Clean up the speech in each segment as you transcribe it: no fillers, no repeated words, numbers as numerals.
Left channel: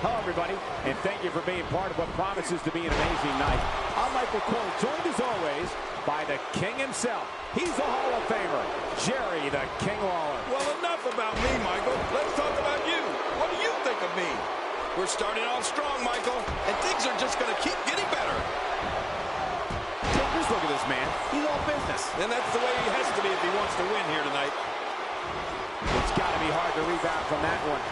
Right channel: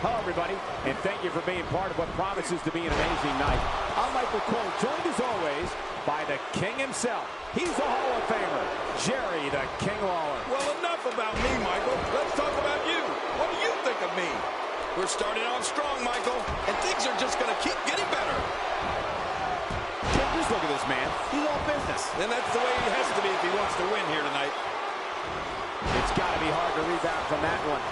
Hello, everybody, and thank you for being part of what promises to be an amazing night. I'm Michael Cole, joined as always by the King himself. He's a Hall of Famer, Jerry the King Lawler. Well, enough about me, Michael. Let's talk about you. What do you think of me? We're starting off strong, Michael, and things are just going to keep getting better. Just look at this man. He's all business. And that's the way he has to be if he wants to win here tonight. It's got to be hard to rebound from that one.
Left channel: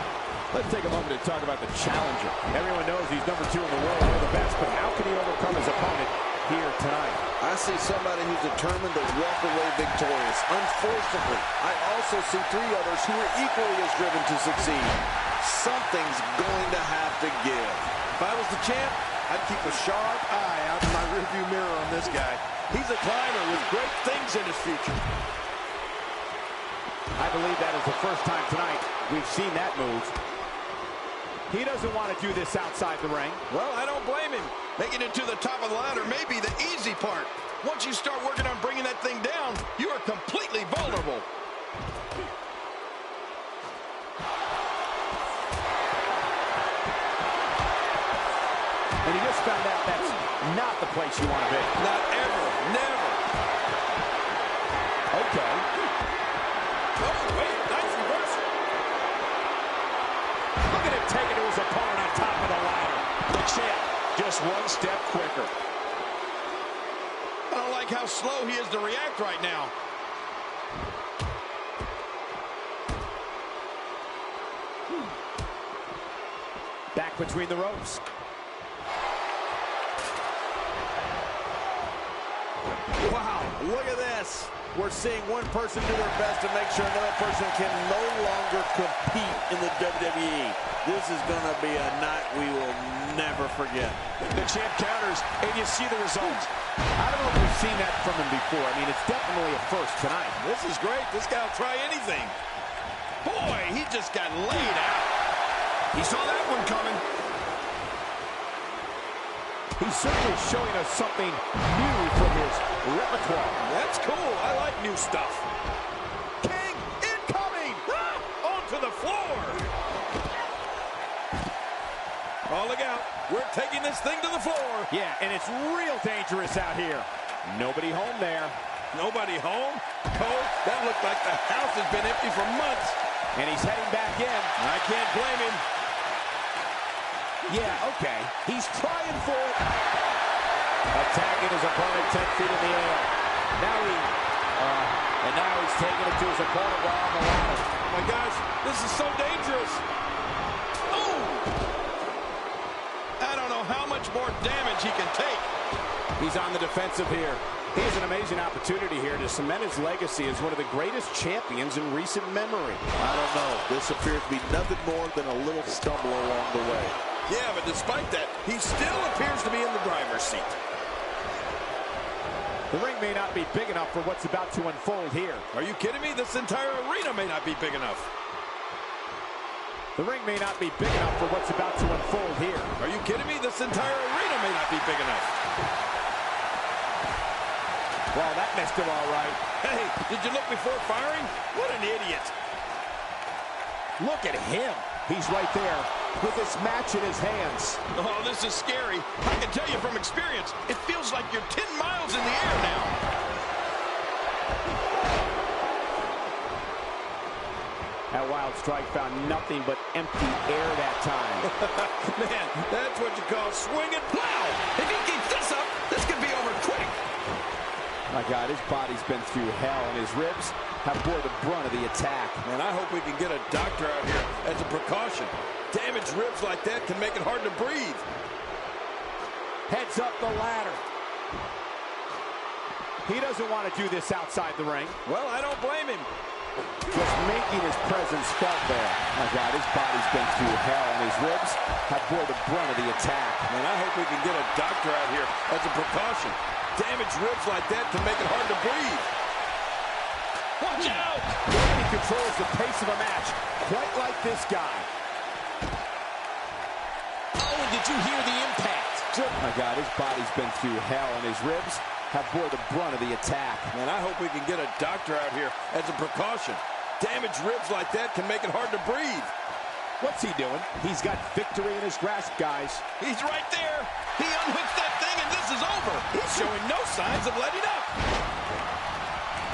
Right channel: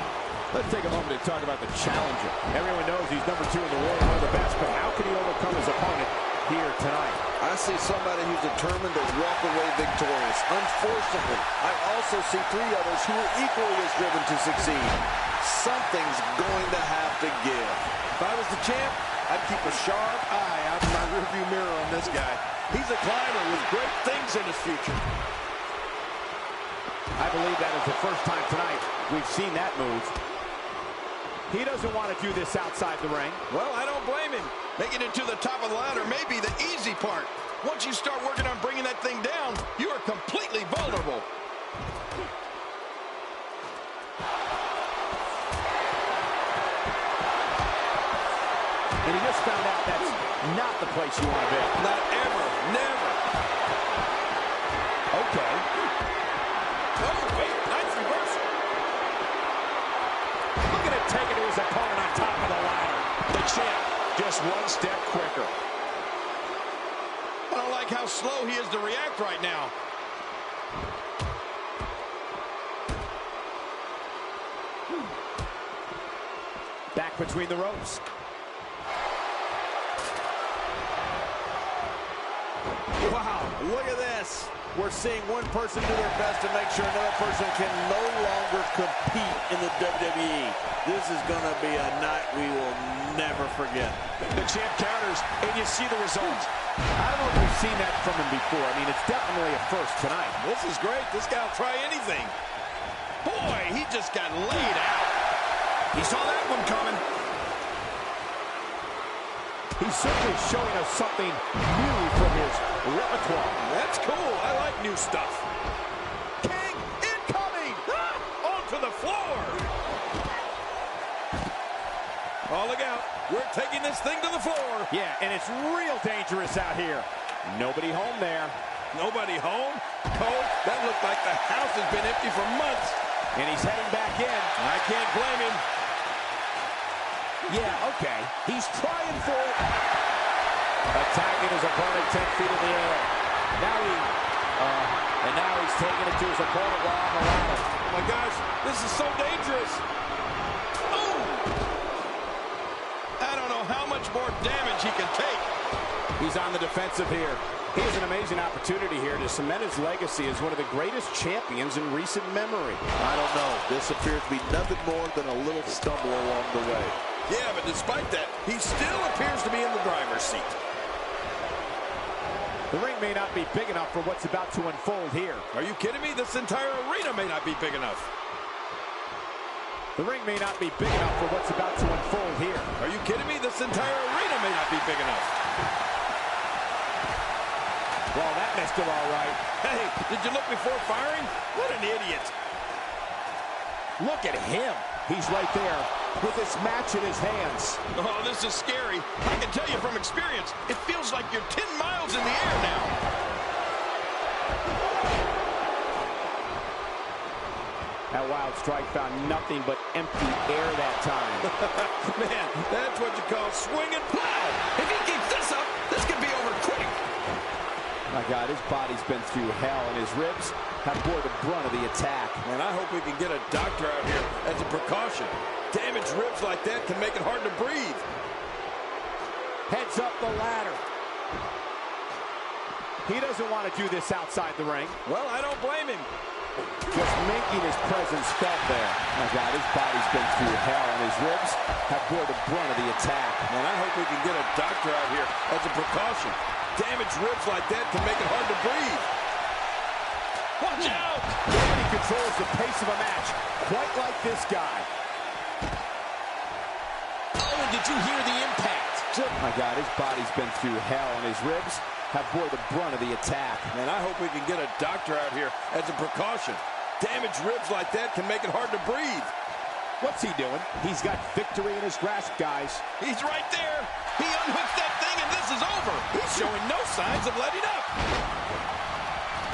Let's take a moment to talk about the challenger. Everyone knows he's number 2 in the world, one of the best, but how can he overcome his opponent here tonight? I see somebody who's determined to walk away victorious. Unfortunately, I also see 3 others who are equally as driven to succeed. Something's going to have to give. If I was the champ, I'd keep a sharp eye out in my rearview mirror on this guy. He's a climber with great things in his future. I believe that is the first time tonight we've seen that move. He doesn't want to do this outside the ring. Well, I don't blame him. Making it to the top of the ladder may be the easy part. Once you start working on bringing that thing down, you are completely vulnerable. And he just found out that's not the place you want to be. Not ever. Never. Okay. Oh, wait. Nice reversal. Look at him take it to his opponent on top of the ladder. The champ, just one step quicker. I don't like how slow he is to react right now. Back between the ropes. Wow, look at this. We're seeing one person do their best to make sure another person can no longer compete in the WWE. This is going to be a night we will never forget. The champ counters, and you see the results. I don't know if we've seen that from him before. I mean, it's definitely a first tonight. This is great. This guy will try anything. Boy, he just got laid out. He saw that one coming. He's certainly showing us something new from his repertoire. That's cool. I like new stuff. King incoming! Ah, onto the floor. Oh, look out. We're taking this thing to the floor. Yeah, and it's real dangerous out here. Nobody home there. Nobody home? Cole, that looked like the house has been empty for months. And he's heading back in. I can't blame him. Yeah, okay. He's trying for it. Attacking his opponent 10 feet in the air. Now he's taking it to his opponent while on the ladder. Oh my gosh, this is so dangerous. Oh! I don't know how much more damage he can take. He's on the defensive here. He has an amazing opportunity here to cement his legacy as one of the greatest champions in recent memory. I don't know. This appears to be nothing more than a little stumble along the way. Yeah, but despite that, he still appears to be in the driver's seat. The ring may not be big enough for what's about to unfold here. Are you kidding me? This entire arena may not be big enough. The ring may not be big enough for what's about to unfold here. Are you kidding me? This entire arena may not be big enough. Well, that missed him all right. Hey, did you look before firing? What an idiot. Look at him. He's right there with this match in his hands. Oh, this is scary. I can tell you from experience, it feels like you're 10 miles in the air now. That wild strike found nothing but empty air that time. Man, that's what you call swinging. Wow! If he keeps this up, this could be over quick. My God, his body's been through hell, and his ribs have bore the brunt of the attack. Man, I hope we can get a doctor out here as a precaution. Damaged ribs like that can make it hard to breathe. Heads up the ladder. He doesn't want to do this outside the ring. Well, I don't blame him. Just making his presence felt there. My God, his body's been through hell, and his ribs have bore the brunt of the attack. Man, I hope we can get a doctor out here as a precaution. Damaged ribs like that can make it hard to breathe. Watch out! Nobody controls the pace of a match quite like this guy. Oh, and did you hear the impact? My God, his body's been through hell, and his ribs have bore the brunt of the attack. Man, I hope we can get a doctor out here as a precaution. Damaged ribs like that can make it hard to breathe. What's he doing? He's got victory in his grasp, guys. He's right there. He unhooks that thing, and this is over. He's showing no signs of letting up.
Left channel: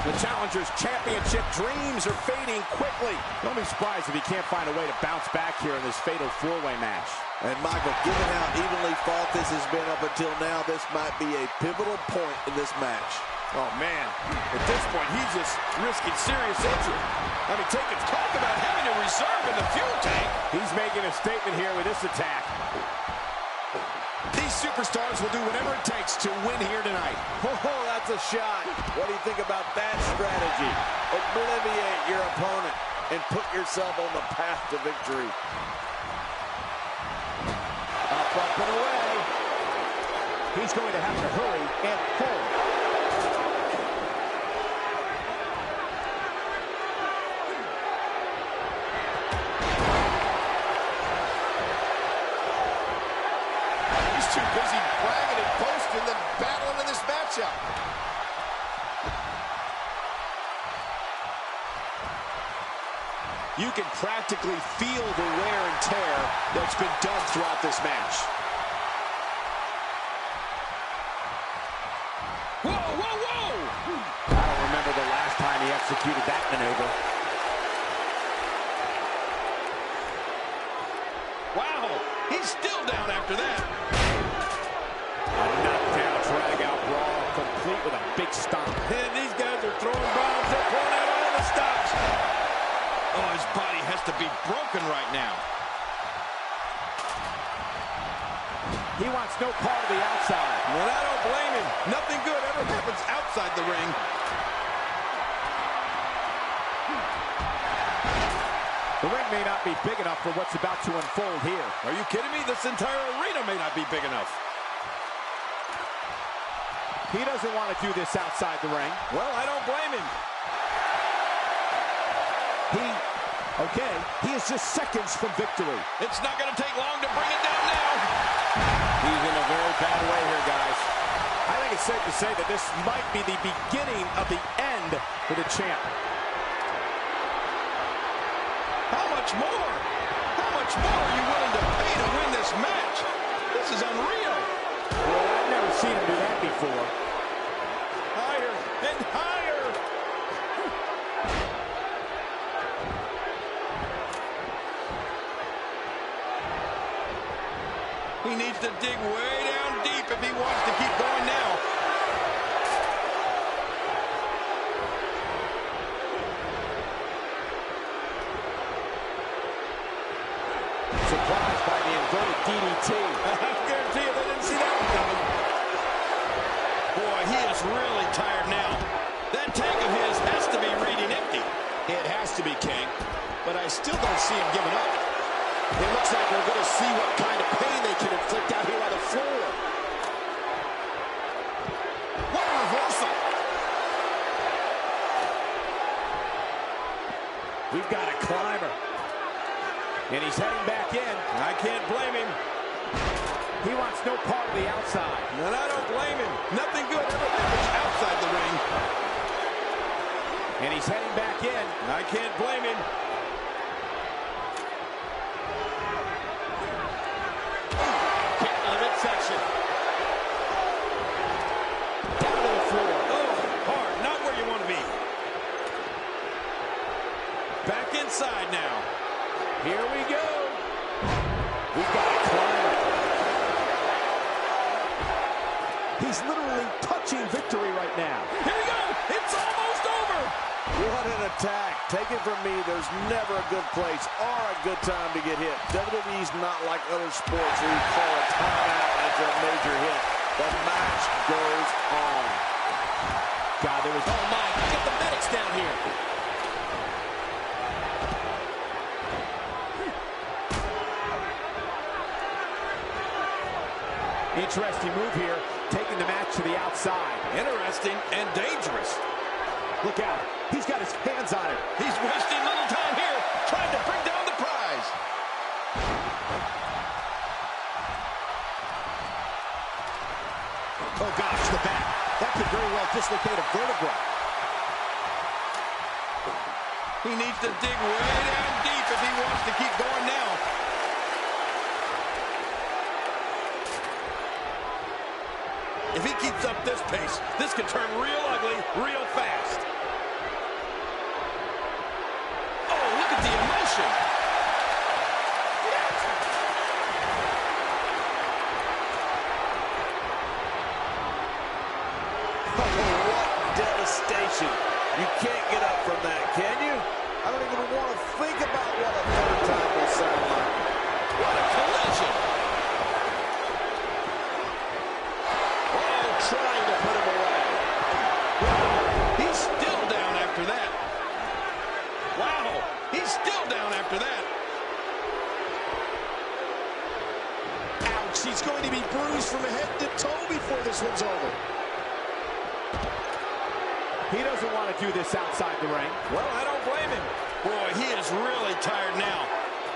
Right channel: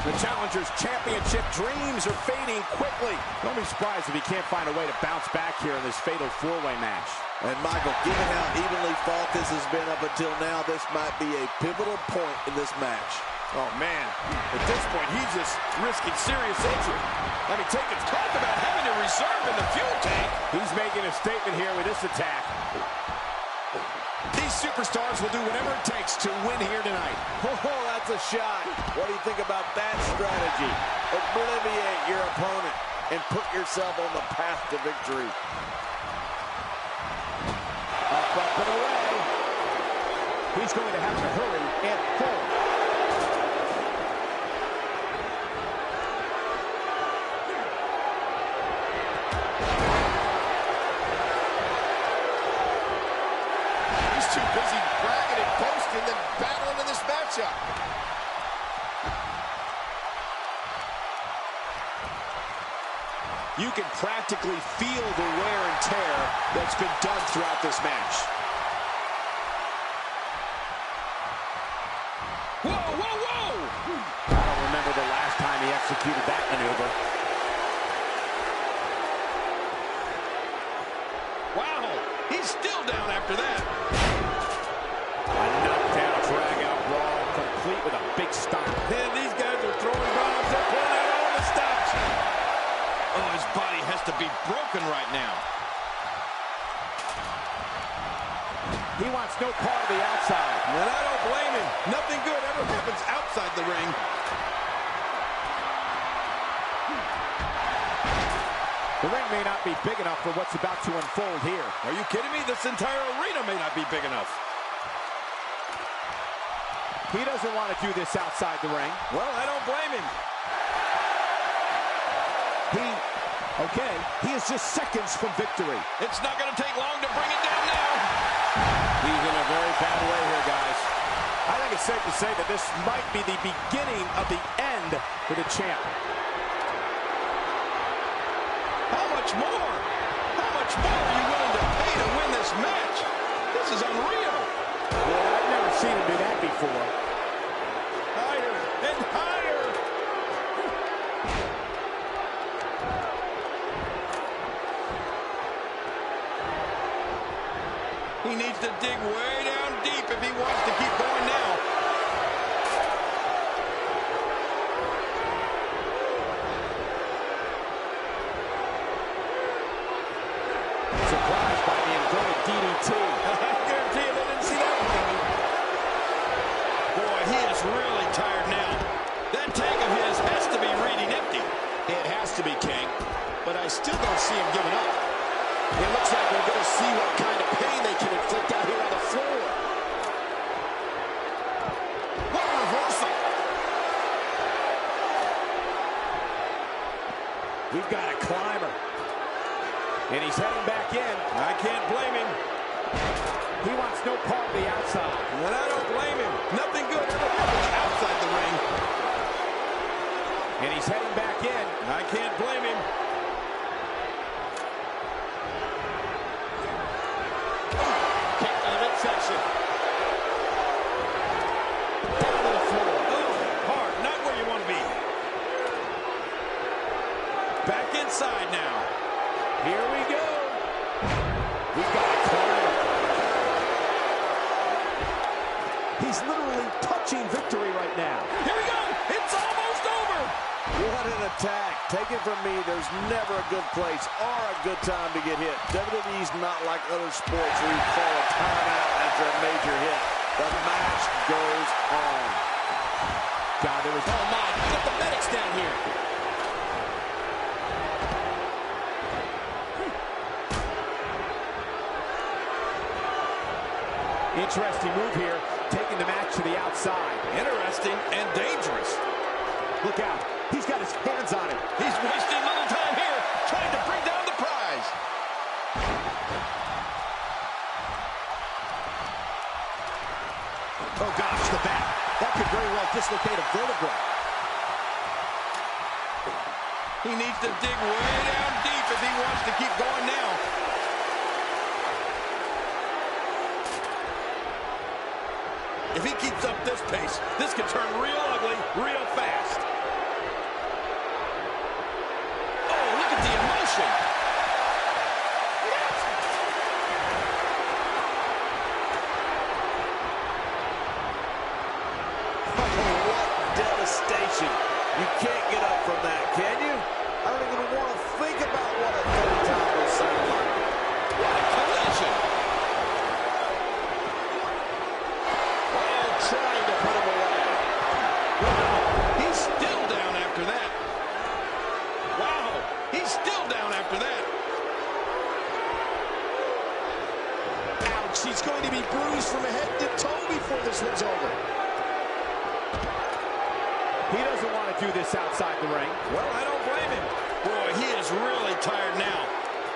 The challenger's championship dreams are fading quickly. Don't be surprised if he can't find a way to bounce back here in this fatal four-way match. And Michael, given how evenly fought this has been up until now, this might be a pivotal point in this match. Oh, man. At this point, he's just risking serious injury. I mean, talk about having a reserve in the fuel tank. He's making a statement here with this attack. These superstars will do whatever it takes to win here tonight. Oh, that's a shot. What do you think about that strategy? Obliviate your opponent and put yourself on the path to victory. Up and away. He's going to have to hurry and pull. Too busy bragging and boasting than battling in this matchup. You can practically feel the wear and tear that's been done throughout this match. Whoa, whoa, whoa! I don't remember the last time he executed that maneuver. Wow, he's still down after that. A knockdown, drag-out brawl, complete with a big stomp. And these guys are throwing bombs. They're pulling out all the stops. Oh, his body has to be broken right now. He wants no part of the outside. And I don't blame him. Nothing good ever happens outside the ring. The ring may not be big enough for what's about to unfold here. Are you kidding me? This entire arena may not be big enough. He doesn't want to do this outside the ring. Well, I don't blame him. He is just seconds from victory. It's not going to take long to bring it down now. He's in a very bad way here, guys. I think it's safe to say that this might be the beginning of the end for the champ. How much more? How much more are you willing to pay to win this match? This is unreal. Well, I've never seen him do that before. Higher and higher. He needs to dig way down deep if he wants to keep going now. Surprised by the inverted DDT. I guarantee you they didn't see that one coming. Boy, he is really tired now. That tank of his has to be reading empty. It has to be, King, but I still don't see him giving up. It looks like we're going to see what kind of pain they can inflict out here on the floor. What a reversal. We've got a climber. And he's heading back in. I can't blame him. He wants no part of the outside. And I don't blame him. Nothing good ever happens outside the ring. And he's heading back in. I can't blame him. Kick to the midsection. Down to the floor. Oh, hard. Not where you want to be. Back inside now. Here we go. We've got a climber. He's literally touching victory right now. Here we go. It's almost over. What an attack. Take it from me, there's never a good place or a good time to get hit. WWE's not like other sports where you call a timeout after a major hit. The match goes on. God, there was... Oh, my. Get the medics down here. Interesting move here, taking the match to the outside. Interesting and dangerous. Look out. He's got his hands on it. He's wasting little time here, trying to bring down the prize. Oh, gosh, the back. That could very well dislocate a vertebra. He needs to dig way down deep if he wants to keep going now. If he keeps up this pace, this could turn real ugly real fast. Oh, look at the emotion. Yes. Oh, what devastation. You can't get up from that, can you? I don't even want to think about what a third time will sound like. What a collision. Oh, trying to put him away. Wow, he's still down after that. Wow, he's still down after that. Ouch, he's going to be bruised from head to toe before this one's over. He doesn't want to do this outside the ring. Well, I don't blame him. Boy, he is really tired now.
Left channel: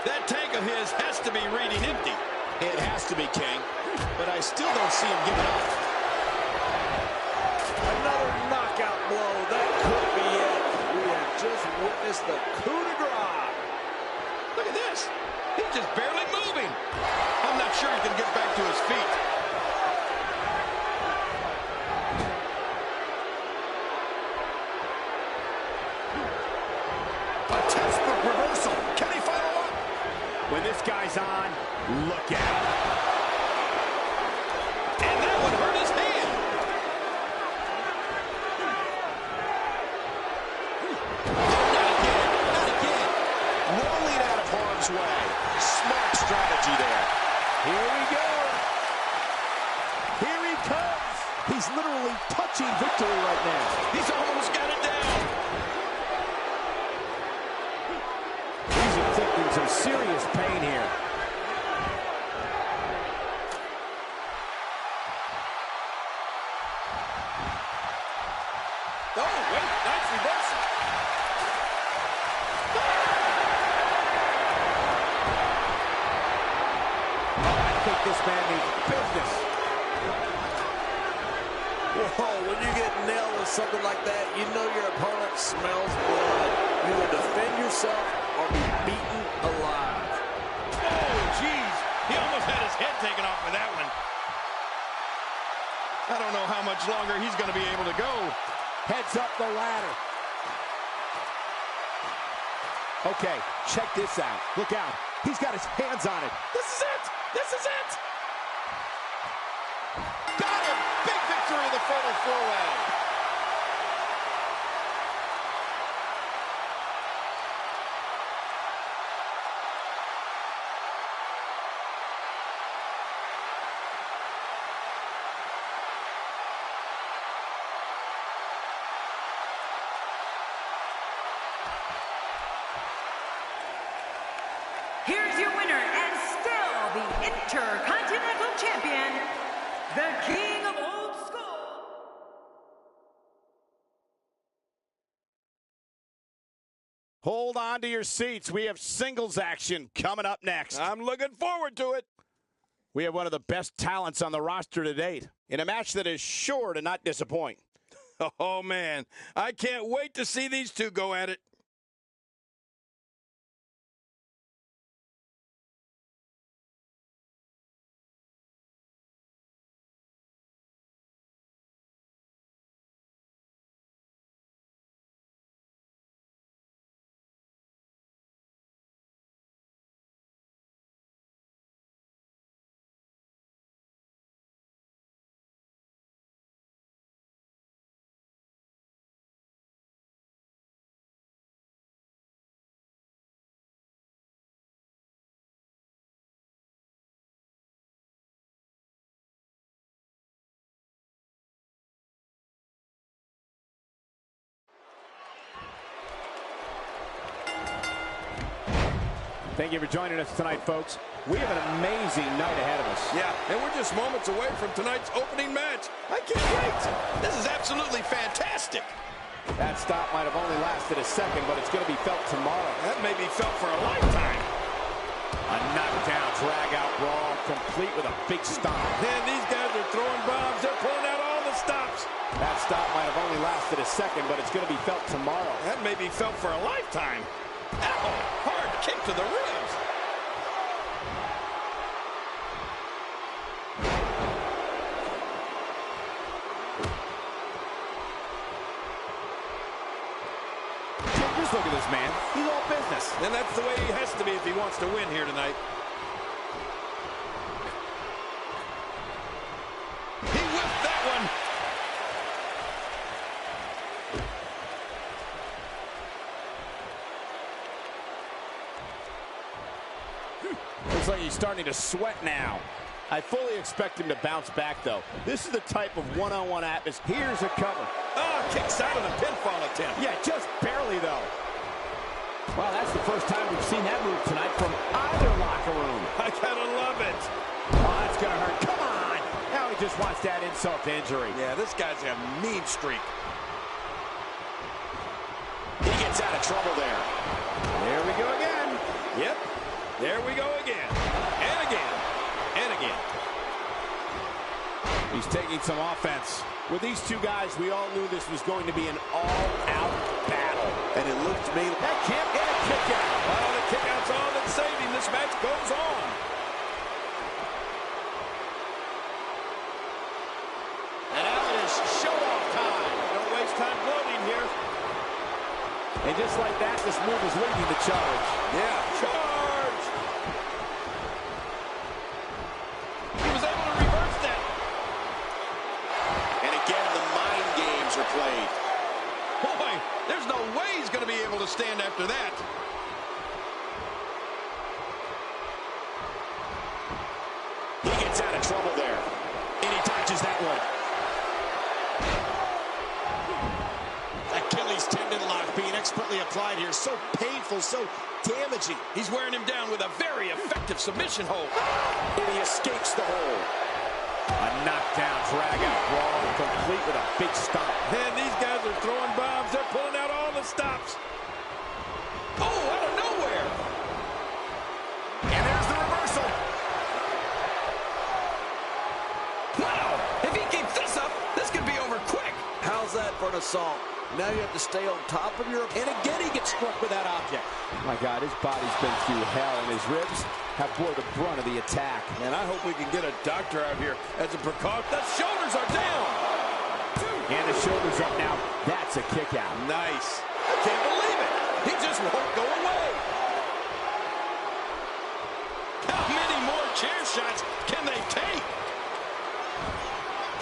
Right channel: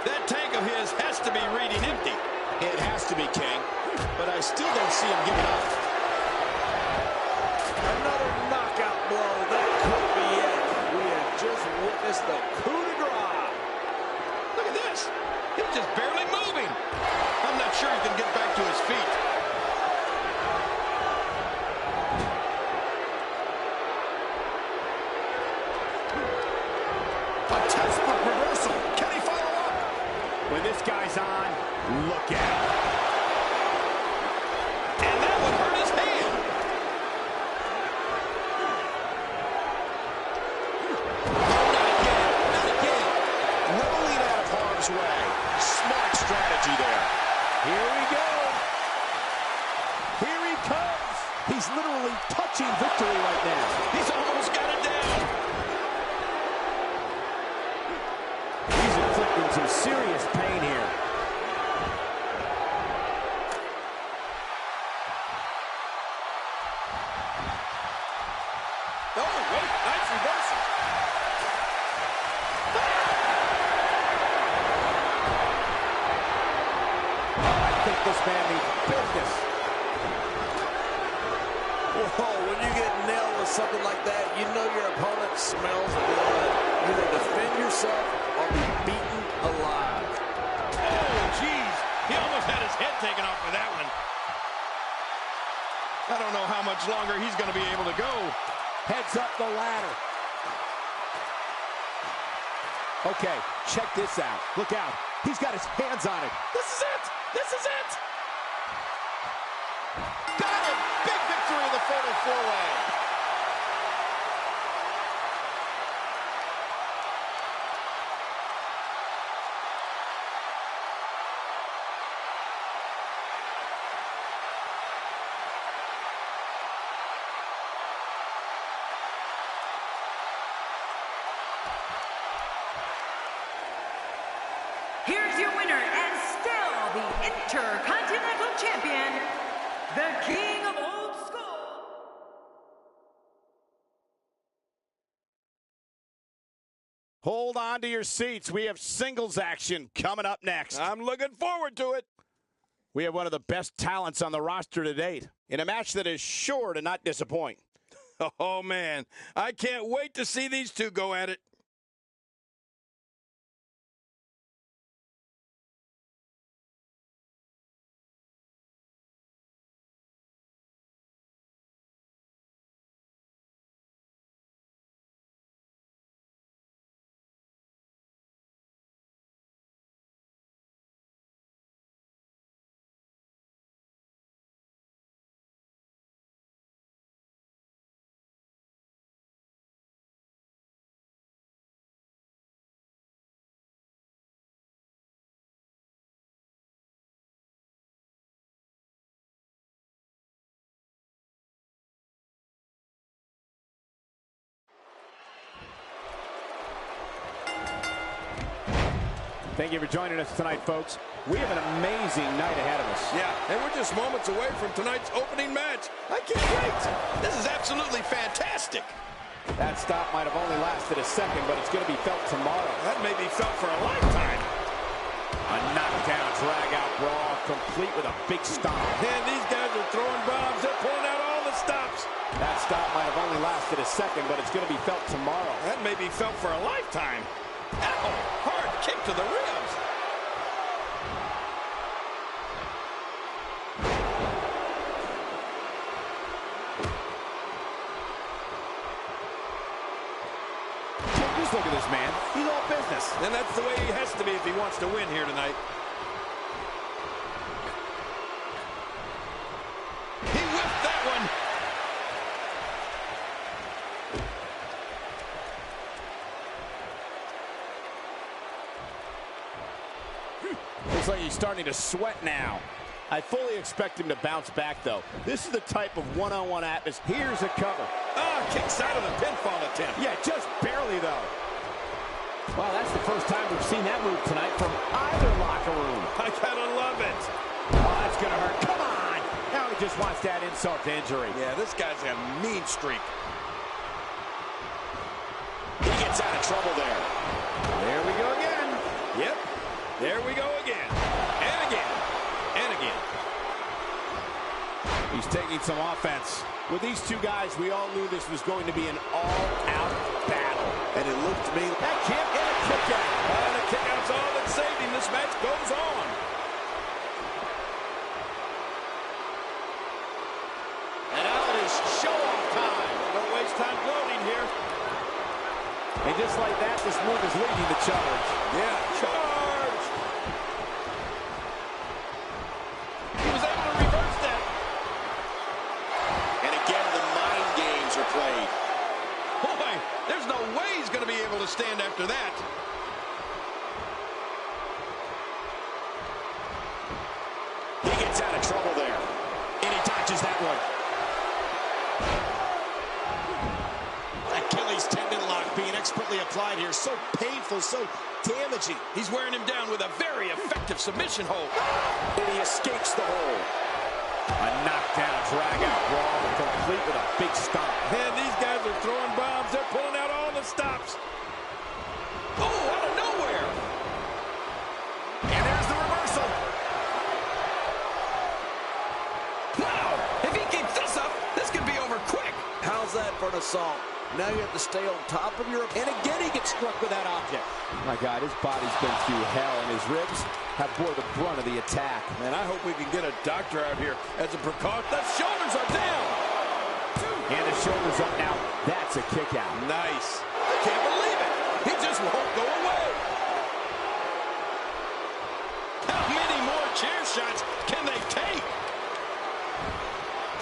That tank of his has to be reading empty. It has to be, King, but I still don't see him giving up. Another knockout blow. That could be it. We have just witnessed the coup de grace. Look at this. He's just barely moving. I'm not sure he can get back to his feet. A textbook reversal. Can he follow up? When this guy's on, look out. And that would hurt his hand. Oh, not again. Not again. Rolling out of harm's way. Smart strategy there. Here we go. Here he comes. He's literally touching victory right now. He's almost got it down. He's inflicting some serious pain here. Oh, wait, nice reversal. Oh, I think this man means business. Whoa, when you get nailed with something like that, you know your opponent smells blood. You either defend yourself or be beaten alive. Oh, jeez. He almost had his head taken off with that one. I don't know how much longer he's going to be able to go. Heads up the ladder. Okay, check this out. Look out. He's got his hands on it. This is it. This is it. Got him. Big victory in the fatal four-way. Here's your winner and still the Intercontinental Champion, the King of Old School. Hold on to your seats. We have singles action coming up next. I'm looking forward to it. We have one of the best talents on the roster to date in a match that is sure to not disappoint. Oh, man. I can't wait to see these two go at it. Thank you for joining us tonight, folks. We have an amazing night ahead of us. Yeah, and we're just moments away from tonight's opening match. I can't wait. This is absolutely fantastic. That stop might have only lasted a second, but it's going to be felt tomorrow. That may be felt for a lifetime. A knockdown, drag-out brawl, complete with a big stomp. Man, these guys are throwing bombs. They're pulling out all the stops. That stop might have only lasted a second, but it's going to be felt tomorrow. That may be felt for a lifetime. Ow! Hard kick to the ribs. Just look at this man. He's all business. And that's the way he has to be if he wants to win here tonight. He whipped that one. Looks like he's starting to sweat now. I fully expect him to bounce back, though. This is the type of one-on-one atmosphere. Here's a cover. Ah, kicks out of the pinfall attempt. Yeah, just barely, though. Well, that's the first time we've seen that move tonight from either locker room. I gotta love it. Oh, that's gonna hurt. Come on! Now he just wants that insult to injury. Yeah, this guy's a mean streak. He gets out of trouble there. There we go again. Yep. There we go again. And again. And again. He's taking some offense. With these two guys, we all knew this was going to be an all-out battle. And it looked to me... That can't get a kick out. Oh, the kick out's all that saved him. This match goes on. And now it is show-off time. Don't waste time gloating here. And just like that, this move is leading the charge. Yeah, charge! He was able to reverse that. And again, the mind games are played. Boy, there's no way he's going to be able to stand after that. He gets out of trouble there. And he dodges that one. Achilles tendon lock being expertly applied here. So painful, so damaging. He's wearing him down with a very effective submission hold. And he escapes the hold. A knockdown, drag-out brawl, complete with a big stomp. Man, these guys are throwing bombs. They're pulling out all the stops. Oh, out of nowhere. And there's the reversal. Wow, if he keeps this up, this could be over quick. How's that for an assault? Now you have to stay on top of your... And again, he gets struck with that object. My God, his body's been through hell, and his ribs have bore the brunt of the attack. Man, I hope we can get a doctor out here as a precaution. The shoulders are down. And the shoulders up now. That's a kick out. Nice. I can't believe it. He just won't go away. How many more chair shots can they take?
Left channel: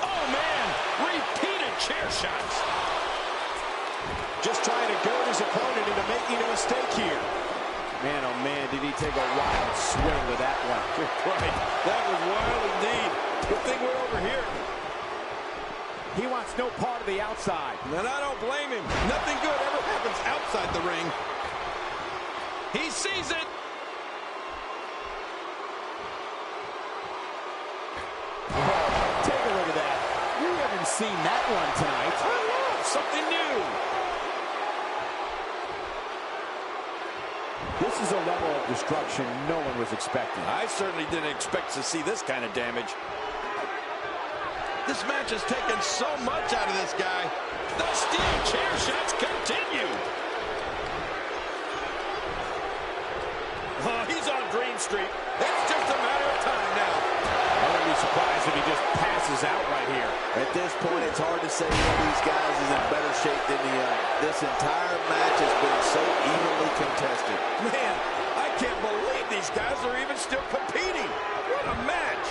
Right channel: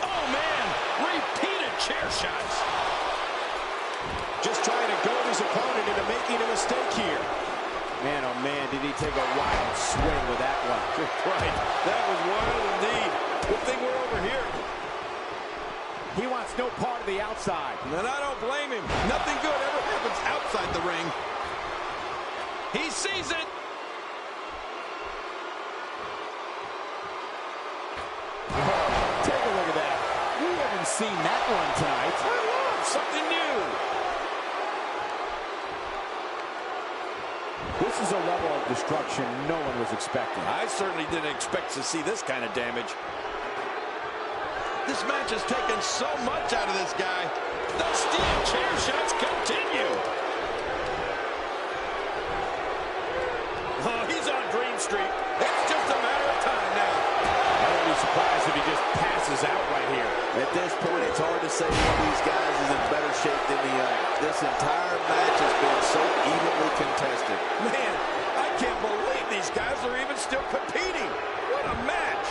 Oh, man. Repeated chair shots. Just trying to goad his opponent into making a mistake here. Man, oh man, did he take a wild swing with that one. Right. That was wild indeed. Good thing we're over here. He wants no part of the outside. And I don't blame him. Nothing good ever happens outside the ring. He sees it. Take a look at that. We haven't seen that one tonight. I love something new. This is a level of destruction no one was expecting. I certainly didn't expect to see this kind of damage. This match has taken so much out of this guy. The steel chair shots continue. Oh, he's on Dream Street. It's just a matter of time now. I wouldn't be surprised if he just passes out right here. At this point, it's hard to say one of these guys is in better shape than the other. This entire match has been so evenly contested. Man, I can't believe these guys are even still competing. What a match.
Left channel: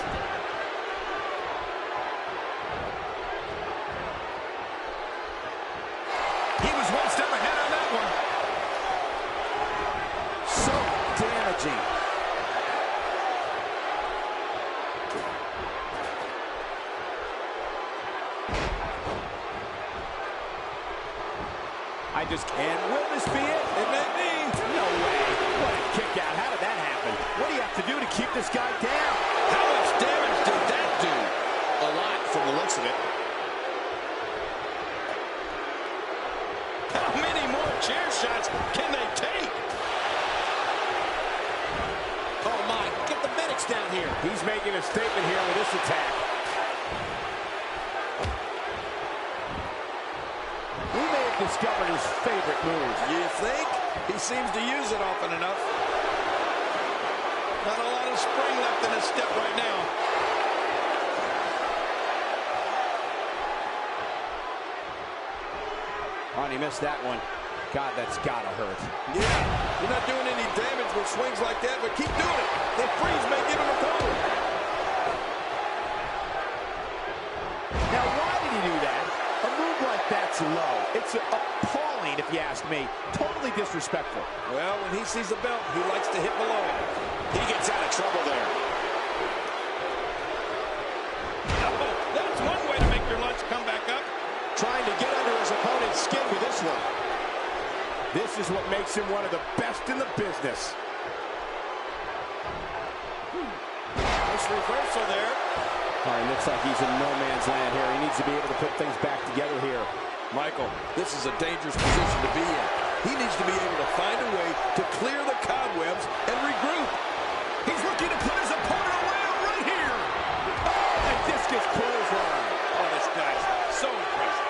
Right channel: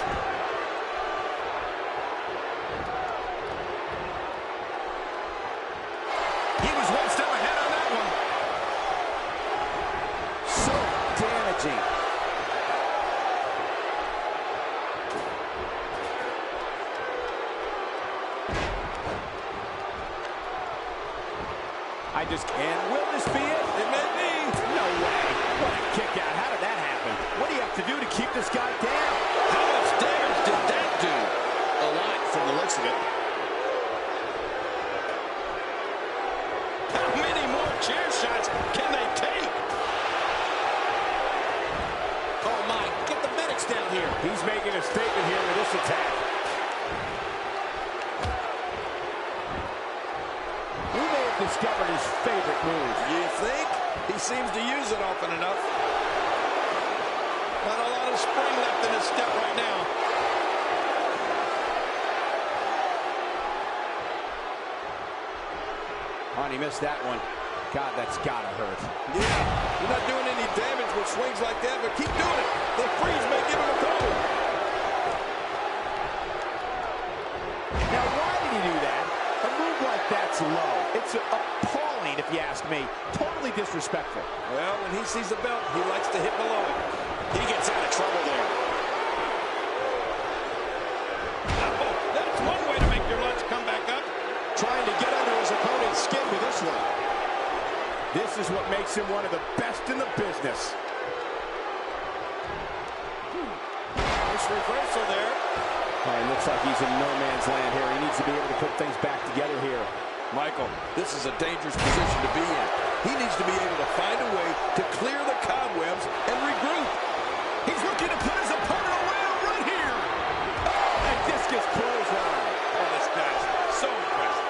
He was one step ahead on that one. So damaging. And will this be it? It may be. No way. What a kick out. How did that happen? What do you have to do to keep this guy down? How much damage did that do? A lot from the looks of it. How many more chair shots can they take? Oh, my. Get the medics down here. He's making a statement here with this attack. discovered his favorite move. You think? He seems to use it often enough. Not a lot of spring left in his step right now. Oh, and he missed that one. God, that's gotta hurt. Yeah, you're not doing any damage with swings like that, but keep doing it. The freeze may give him a cold. Now, why did he do that? A move like that's low. It's appalling, if you ask me. Totally disrespectful. Well, when he sees the belt, he likes to hit below it. He gets out of trouble there. Oh, that's one way to make your lunch come back up. Trying to get under his opponent's skin with this one. This is what makes him one of the best in the business. Nice reversal there. All right, looks like he's in no man's land here. He needs to be able to put things back together here. Michael, this is a dangerous position to be in. He needs to be able to find a way to clear the cobwebs and regroup. He's looking to put his opponent away right here. Oh, and discus clothesline. Oh, this guy's so impressive.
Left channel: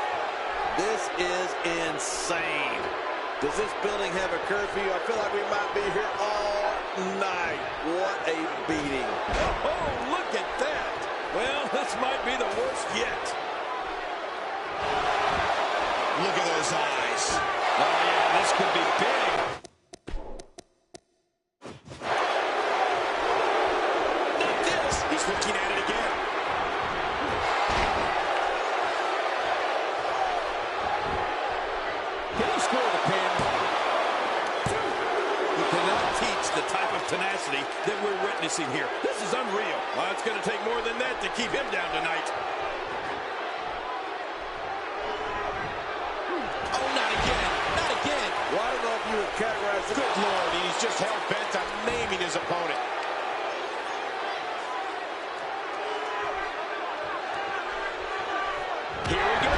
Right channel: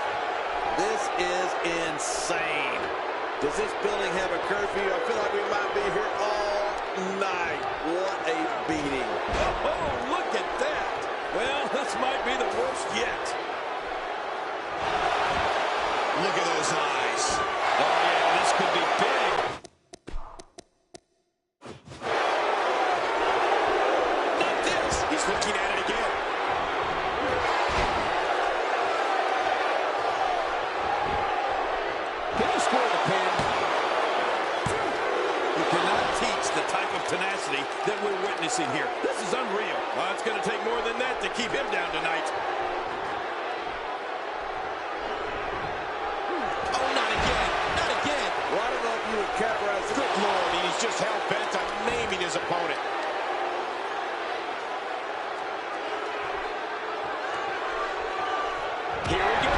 This is insane. Does this building have a curfew? I feel like we might be here all night. What a beating. Oh, look at that. Well, this might be the worst yet. Look at those eyes. Oh, yeah, this could be big. Not this. He's looking at it again. Can he score the pin? You cannot teach the type of tenacity that we're witnessing here. This is unreal. Well, it's going to take more than that to keep him down tonight. Oh, not again. Not again. Well, I don't know if you would categorize it. Good Lord, he's just hell-bent on maiming his opponent. Here we go.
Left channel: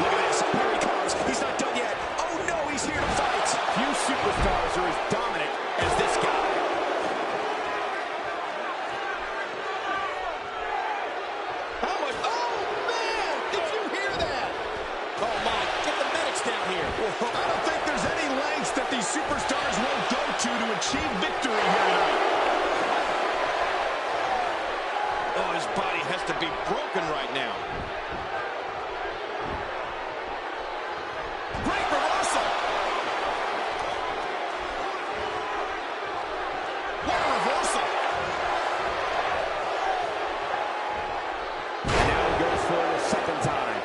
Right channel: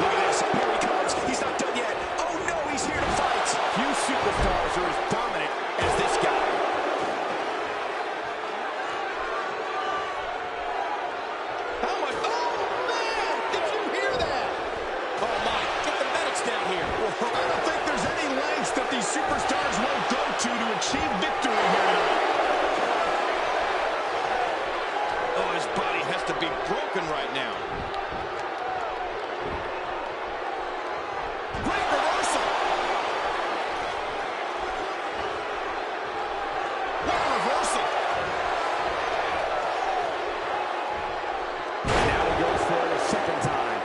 Look at this. Here he comes. He's not done yet. Oh, no, he's here to fight. Few superstars are as dominant as this guy. How much? Oh, man! Did you hear that? Oh, my. Get the medics down here. I don't think there's any lengths that these superstars won't go to achieve victory here tonight. Oh, his body has to be broken right now. Great reversal. What a reversal. And now he goes for it a second time.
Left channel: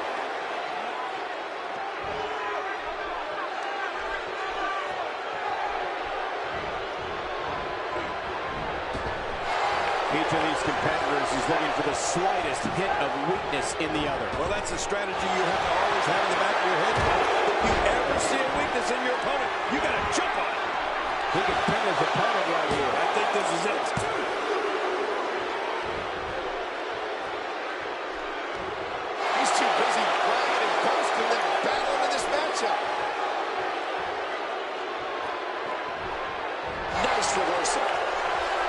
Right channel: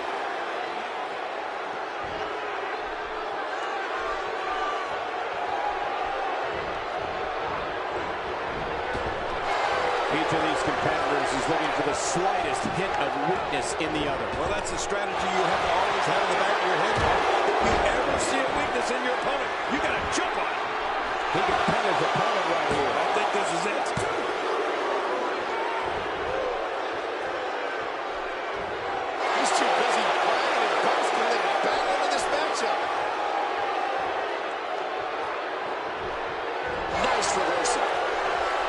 Each of these competitors is looking for the slightest hint of weakness in the other. Well, that's a strategy you have to always have in the back of your head, Cole. If you ever see a weakness in your opponent, you got to jump on it. He can pin his opponent right here. I think this is it. He's too busy bragging and boasting than battling in this matchup. Nice reversal.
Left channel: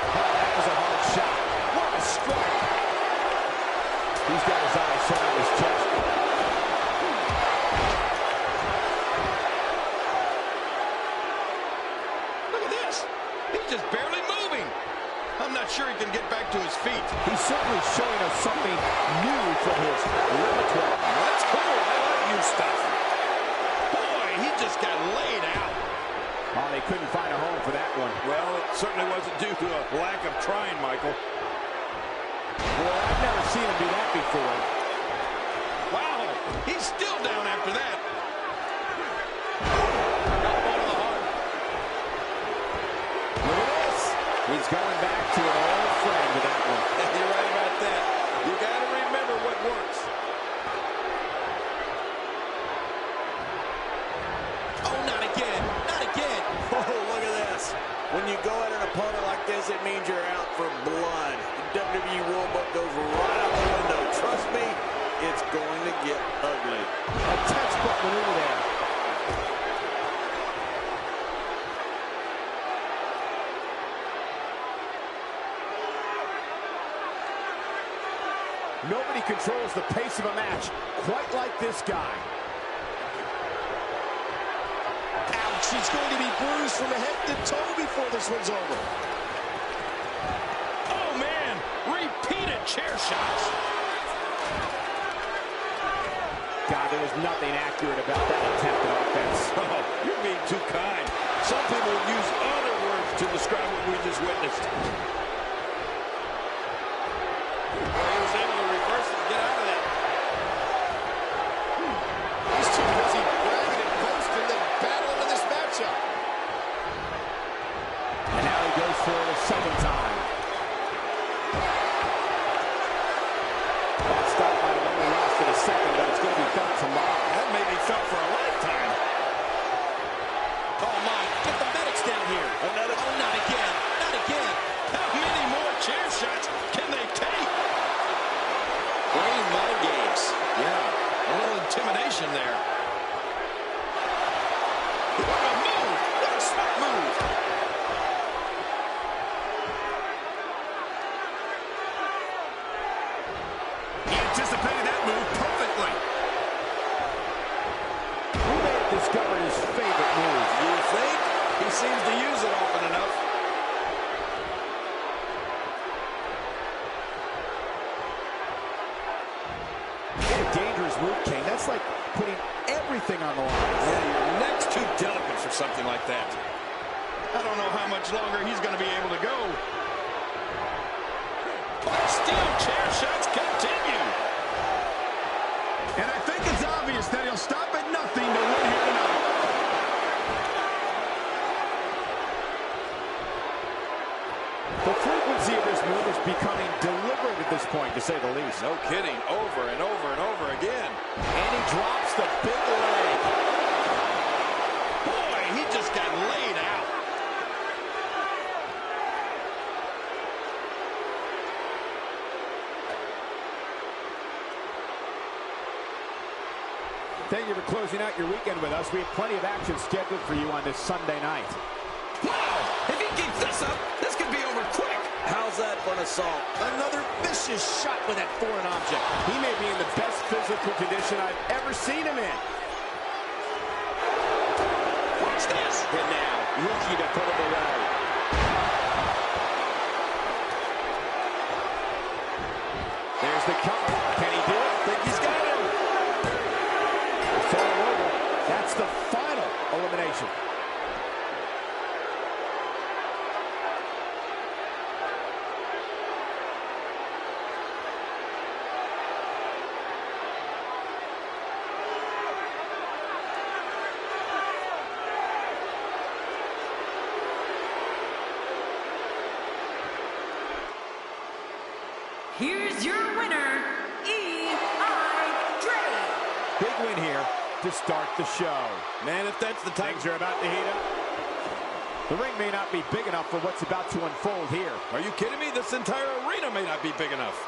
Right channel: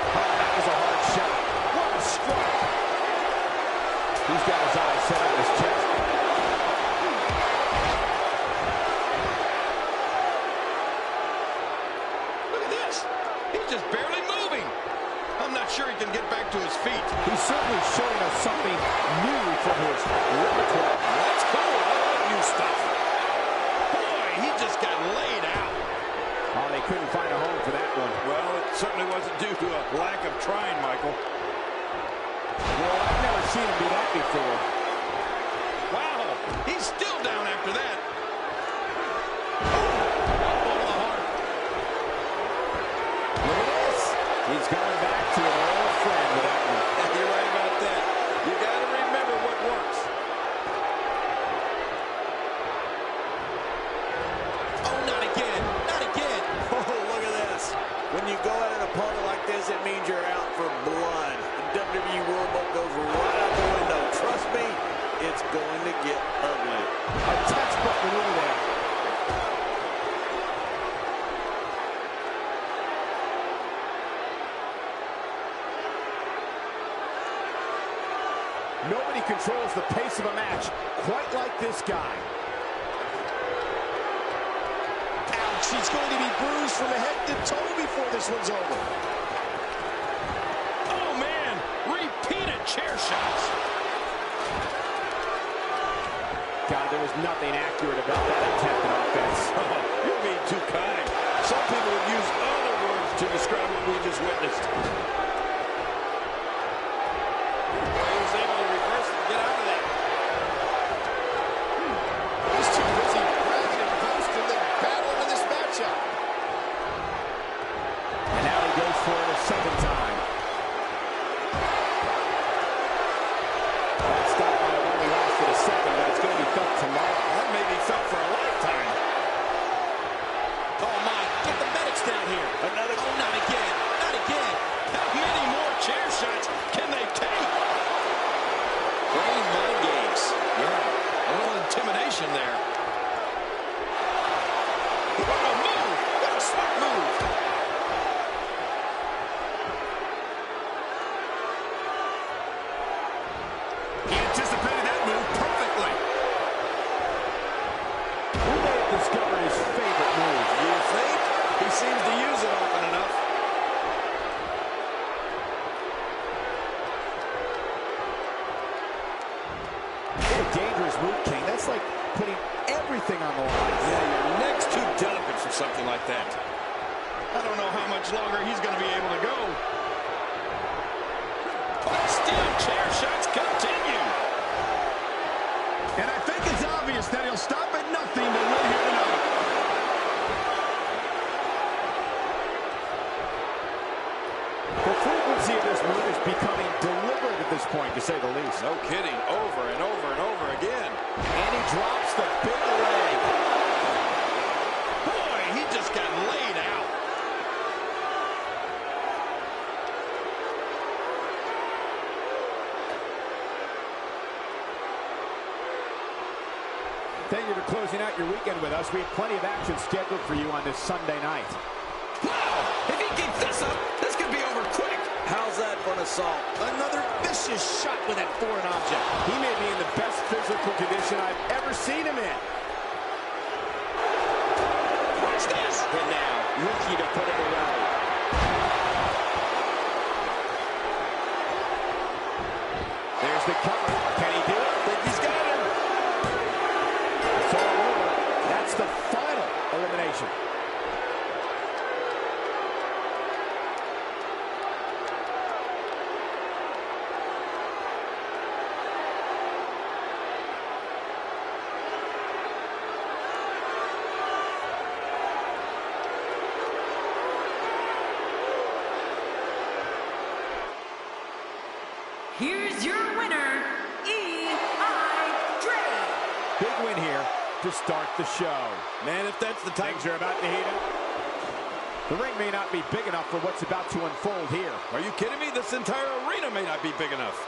Oh, that was a hard shot. What a strike. He's got his eyes set on his chest. Look at this. He's just barely moving. I'm not sure he can get back to his feet. He's certainly showing us something new from his repertoire. That's cool. I like new stuff. Boy, he just got laid out. Oh, they couldn't find a home for that one. Well, it certainly wasn't due to a lack of trying, Michael. Well, I've never seen him do that before. Wow, he's still down after that. Elbow to the heart. Look at this. He's going back to an old friend with that one. You're right about that. You got to remember what works. Oh, not again. Not again. Oh, look at this. When you go at an opponent like this, it means you're out for blood. The WWE rulebook goes right out the window. Trust me, it's going to get ugly. A textbook maneuver there. Nobody controls the pace of a match quite like this guy. Ouch, he's going to be bruised from head to toe before this one's over. Oh, man, repeated chair shots. God, there was nothing accurate about that attempt at offense. Oh, you're being too kind. Some people would use other words to describe what we just witnessed. Well, he was able to reverse it and get out of that. He's too busy bragging and boasting than battling in this matchup. And now he goes for it a second time. That stop might have only lasted a second, but it's going to be felt tomorrow. That may be felt for a lifetime. Oh, my. Get the medics down here. Another. Oh, not again. Not again. How many more chair shots can they take? Playing mind games. Yeah, a little intimidation there. What a move! What a smart move! He anticipated that move perfectly. He may have discovered his favorite move. You think? He seems to use it often enough. What a dangerous move, King. That's like putting everything on the line. Yeah, your neck's too delicate for something like that. I don't know how much longer he's going to be able to go. But still, chair shots continue. And I think it's obvious that he'll stop at nothing to win here tonight. The frequency of this move is becoming deliberate at this point, to say the least. No kidding. Over and over and over again. And he drops the big leg. Boy, he just got laid out. Thank you for closing out your weekend with us. We have plenty of action scheduled for you on this Sunday night. Wow, if he keeps this up, this could be over quick. How's that for an assault? Another vicious shot with that foreign object. He may be in the best physical condition I've ever seen him in. Watch this. And now, looking to put him away. There's the cover. Can he do it? Think he's got him. It's all over. That's the final elimination. Here's your winner, Dre. Big win here to start the show. Man, if that's the type... Things are about to heat up. The ring may not be big enough for what's about to unfold here. Are you kidding me? This entire arena may not be big enough.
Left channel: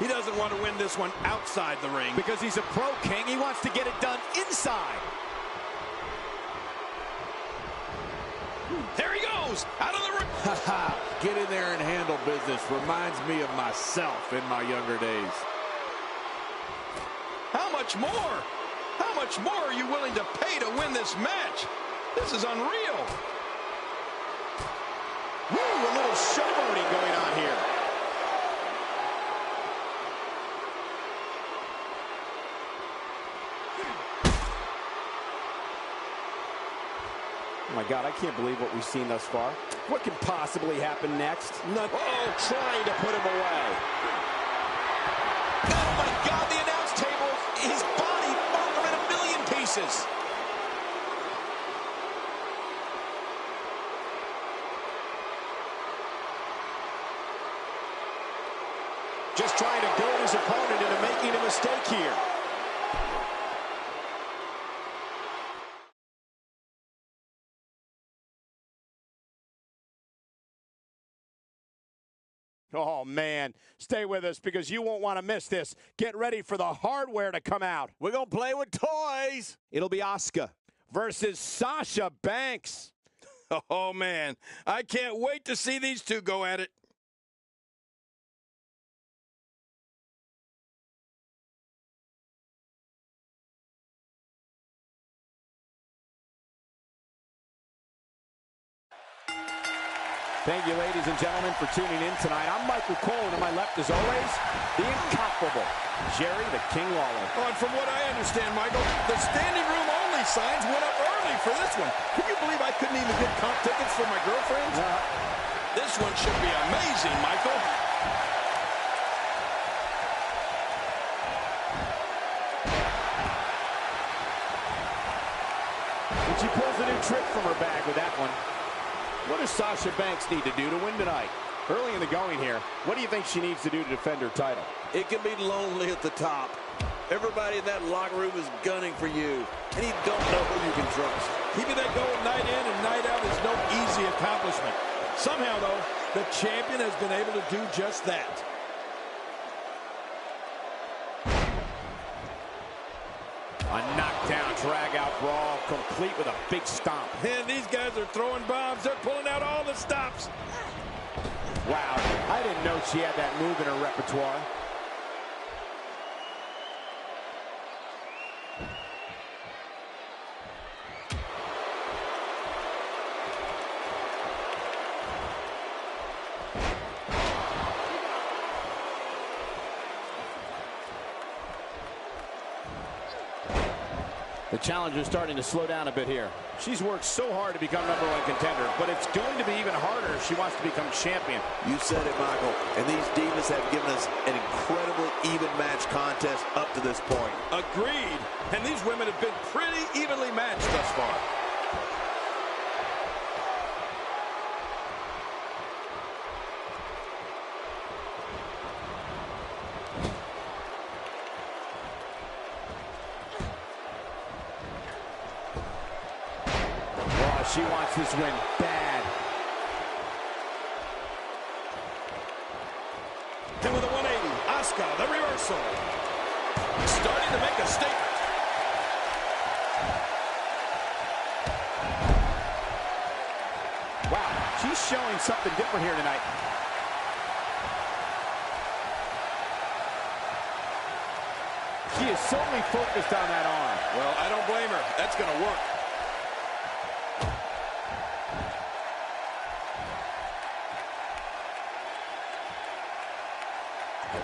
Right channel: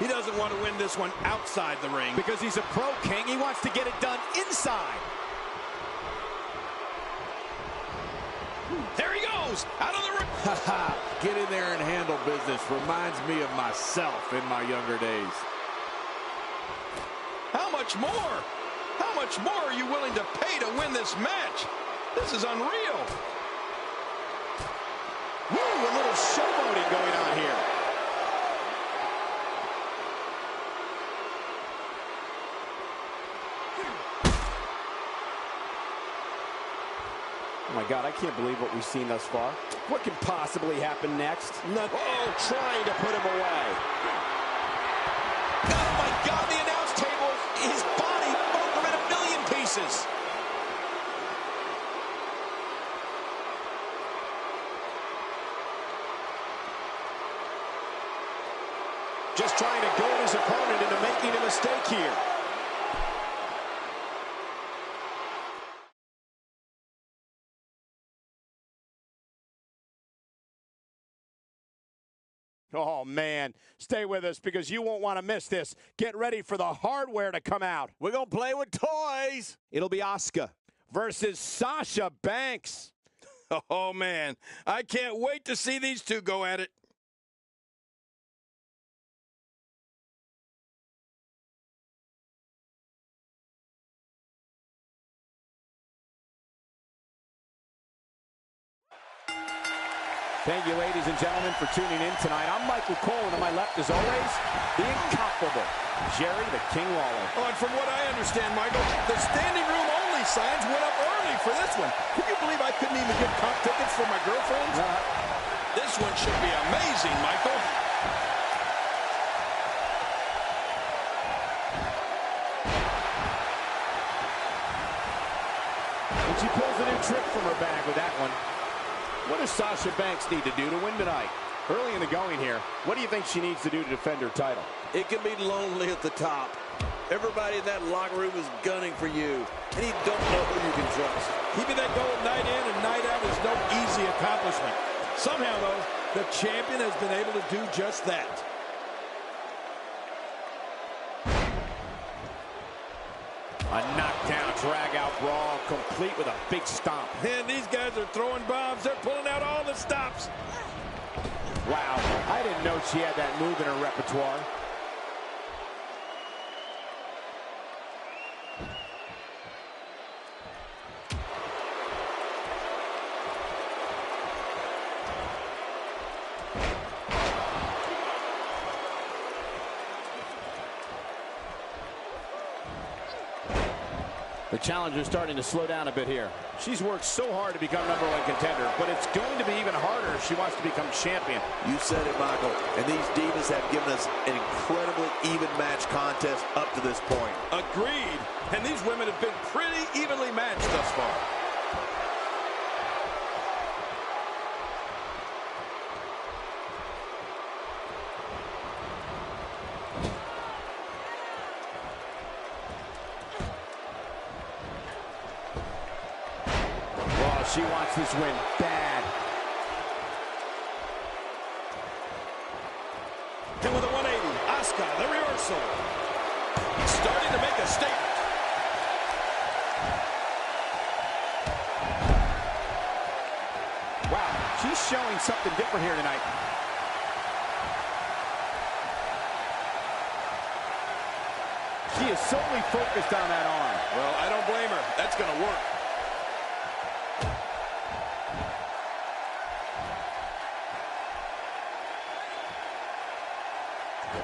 He doesn't want to win this one outside the ring. Because he's a pro, King. He wants to get it done inside. There he goes, out of the ring. Get in there and handle business. Reminds me of myself in my younger days. How much more? How much more are you willing to pay to win this match? This is unreal. Woo, a little showboating going on here. Oh my God, I can't believe what we've seen thus far. What can possibly happen next? Oh, trying to put him away. Oh, my God, the announce table, his body, both are in a million pieces. Just trying to goad his opponent into making a mistake here. Oh, man. Stay with us because you won't want to miss this. Get ready for the hardware to come out. We're going to play with toys. It'll be Asuka versus Sasha Banks. Oh, man. I can't wait to see these two go at it. Thank you, ladies and gentlemen, for tuning in tonight. I'm Michael Cole, and on my left, as always, the incomparable Jerry the King Lawler. Oh, and from what I understand, Michael, the standing room only signs went up early for this one. Can you believe I couldn't even get comp tickets for my girlfriends? This one should be amazing, Michael. And she pulls a new trick from her bag with that one. What does Sasha Banks need to do to win tonight? Early in the going here, what do you think she needs to do to defend her title? It can be lonely at the top. Everybody in that locker room is gunning for you, and you don't know who you can trust. Keeping that going night in and night out is no easy accomplishment. Somehow, though, the champion has been able to do just that. A knockdown, drag-out brawl, complete with a big stomp. And these guys are throwing bombs. They're pulling out all the stops. Wow, I didn't know she had that move in her repertoire. The challenger's starting to slow down a bit here. She's worked so hard to become #1 contender, but it's going to be even harder if she wants to become champion. You said it, Michael, and these divas have given us an incredibly even match contest up to this point. Agreed. And these women have been pretty evenly matched thus far. She wants this win bad. And with a 180, Asuka, the reversal. Starting to make a statement. Wow, she's showing something different here tonight. She is solely focused on that arm. Well, I don't blame her. That's going to work.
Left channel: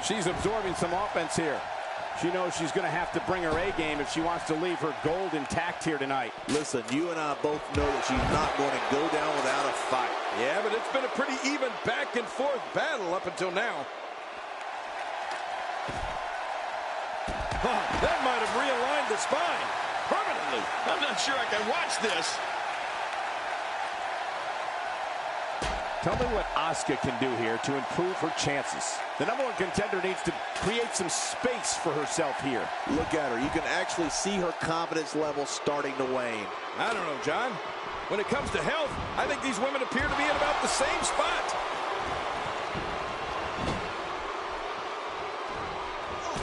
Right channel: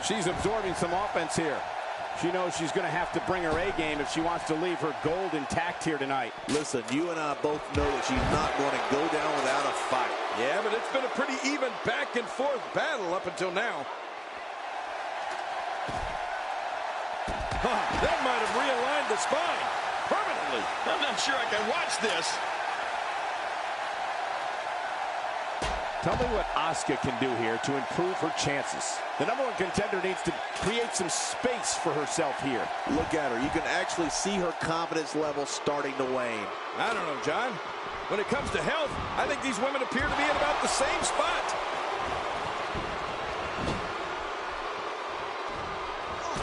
She's absorbing some offense here. She knows she's going to have to bring her A game if she wants to leave her gold intact here tonight. Listen, you and I both know that she's not going to go down without a fight. Yeah, but it's been a pretty even back and forth battle up until now. That might have realigned the spine permanently. I'm not sure I can watch this. Tell me what Asuka can do here to improve her chances. The #1 contender needs to create some space for herself here. Look at her. You can actually see her confidence level starting to wane. I don't know, John. When it comes to health, I think these women appear to be in about the same spot.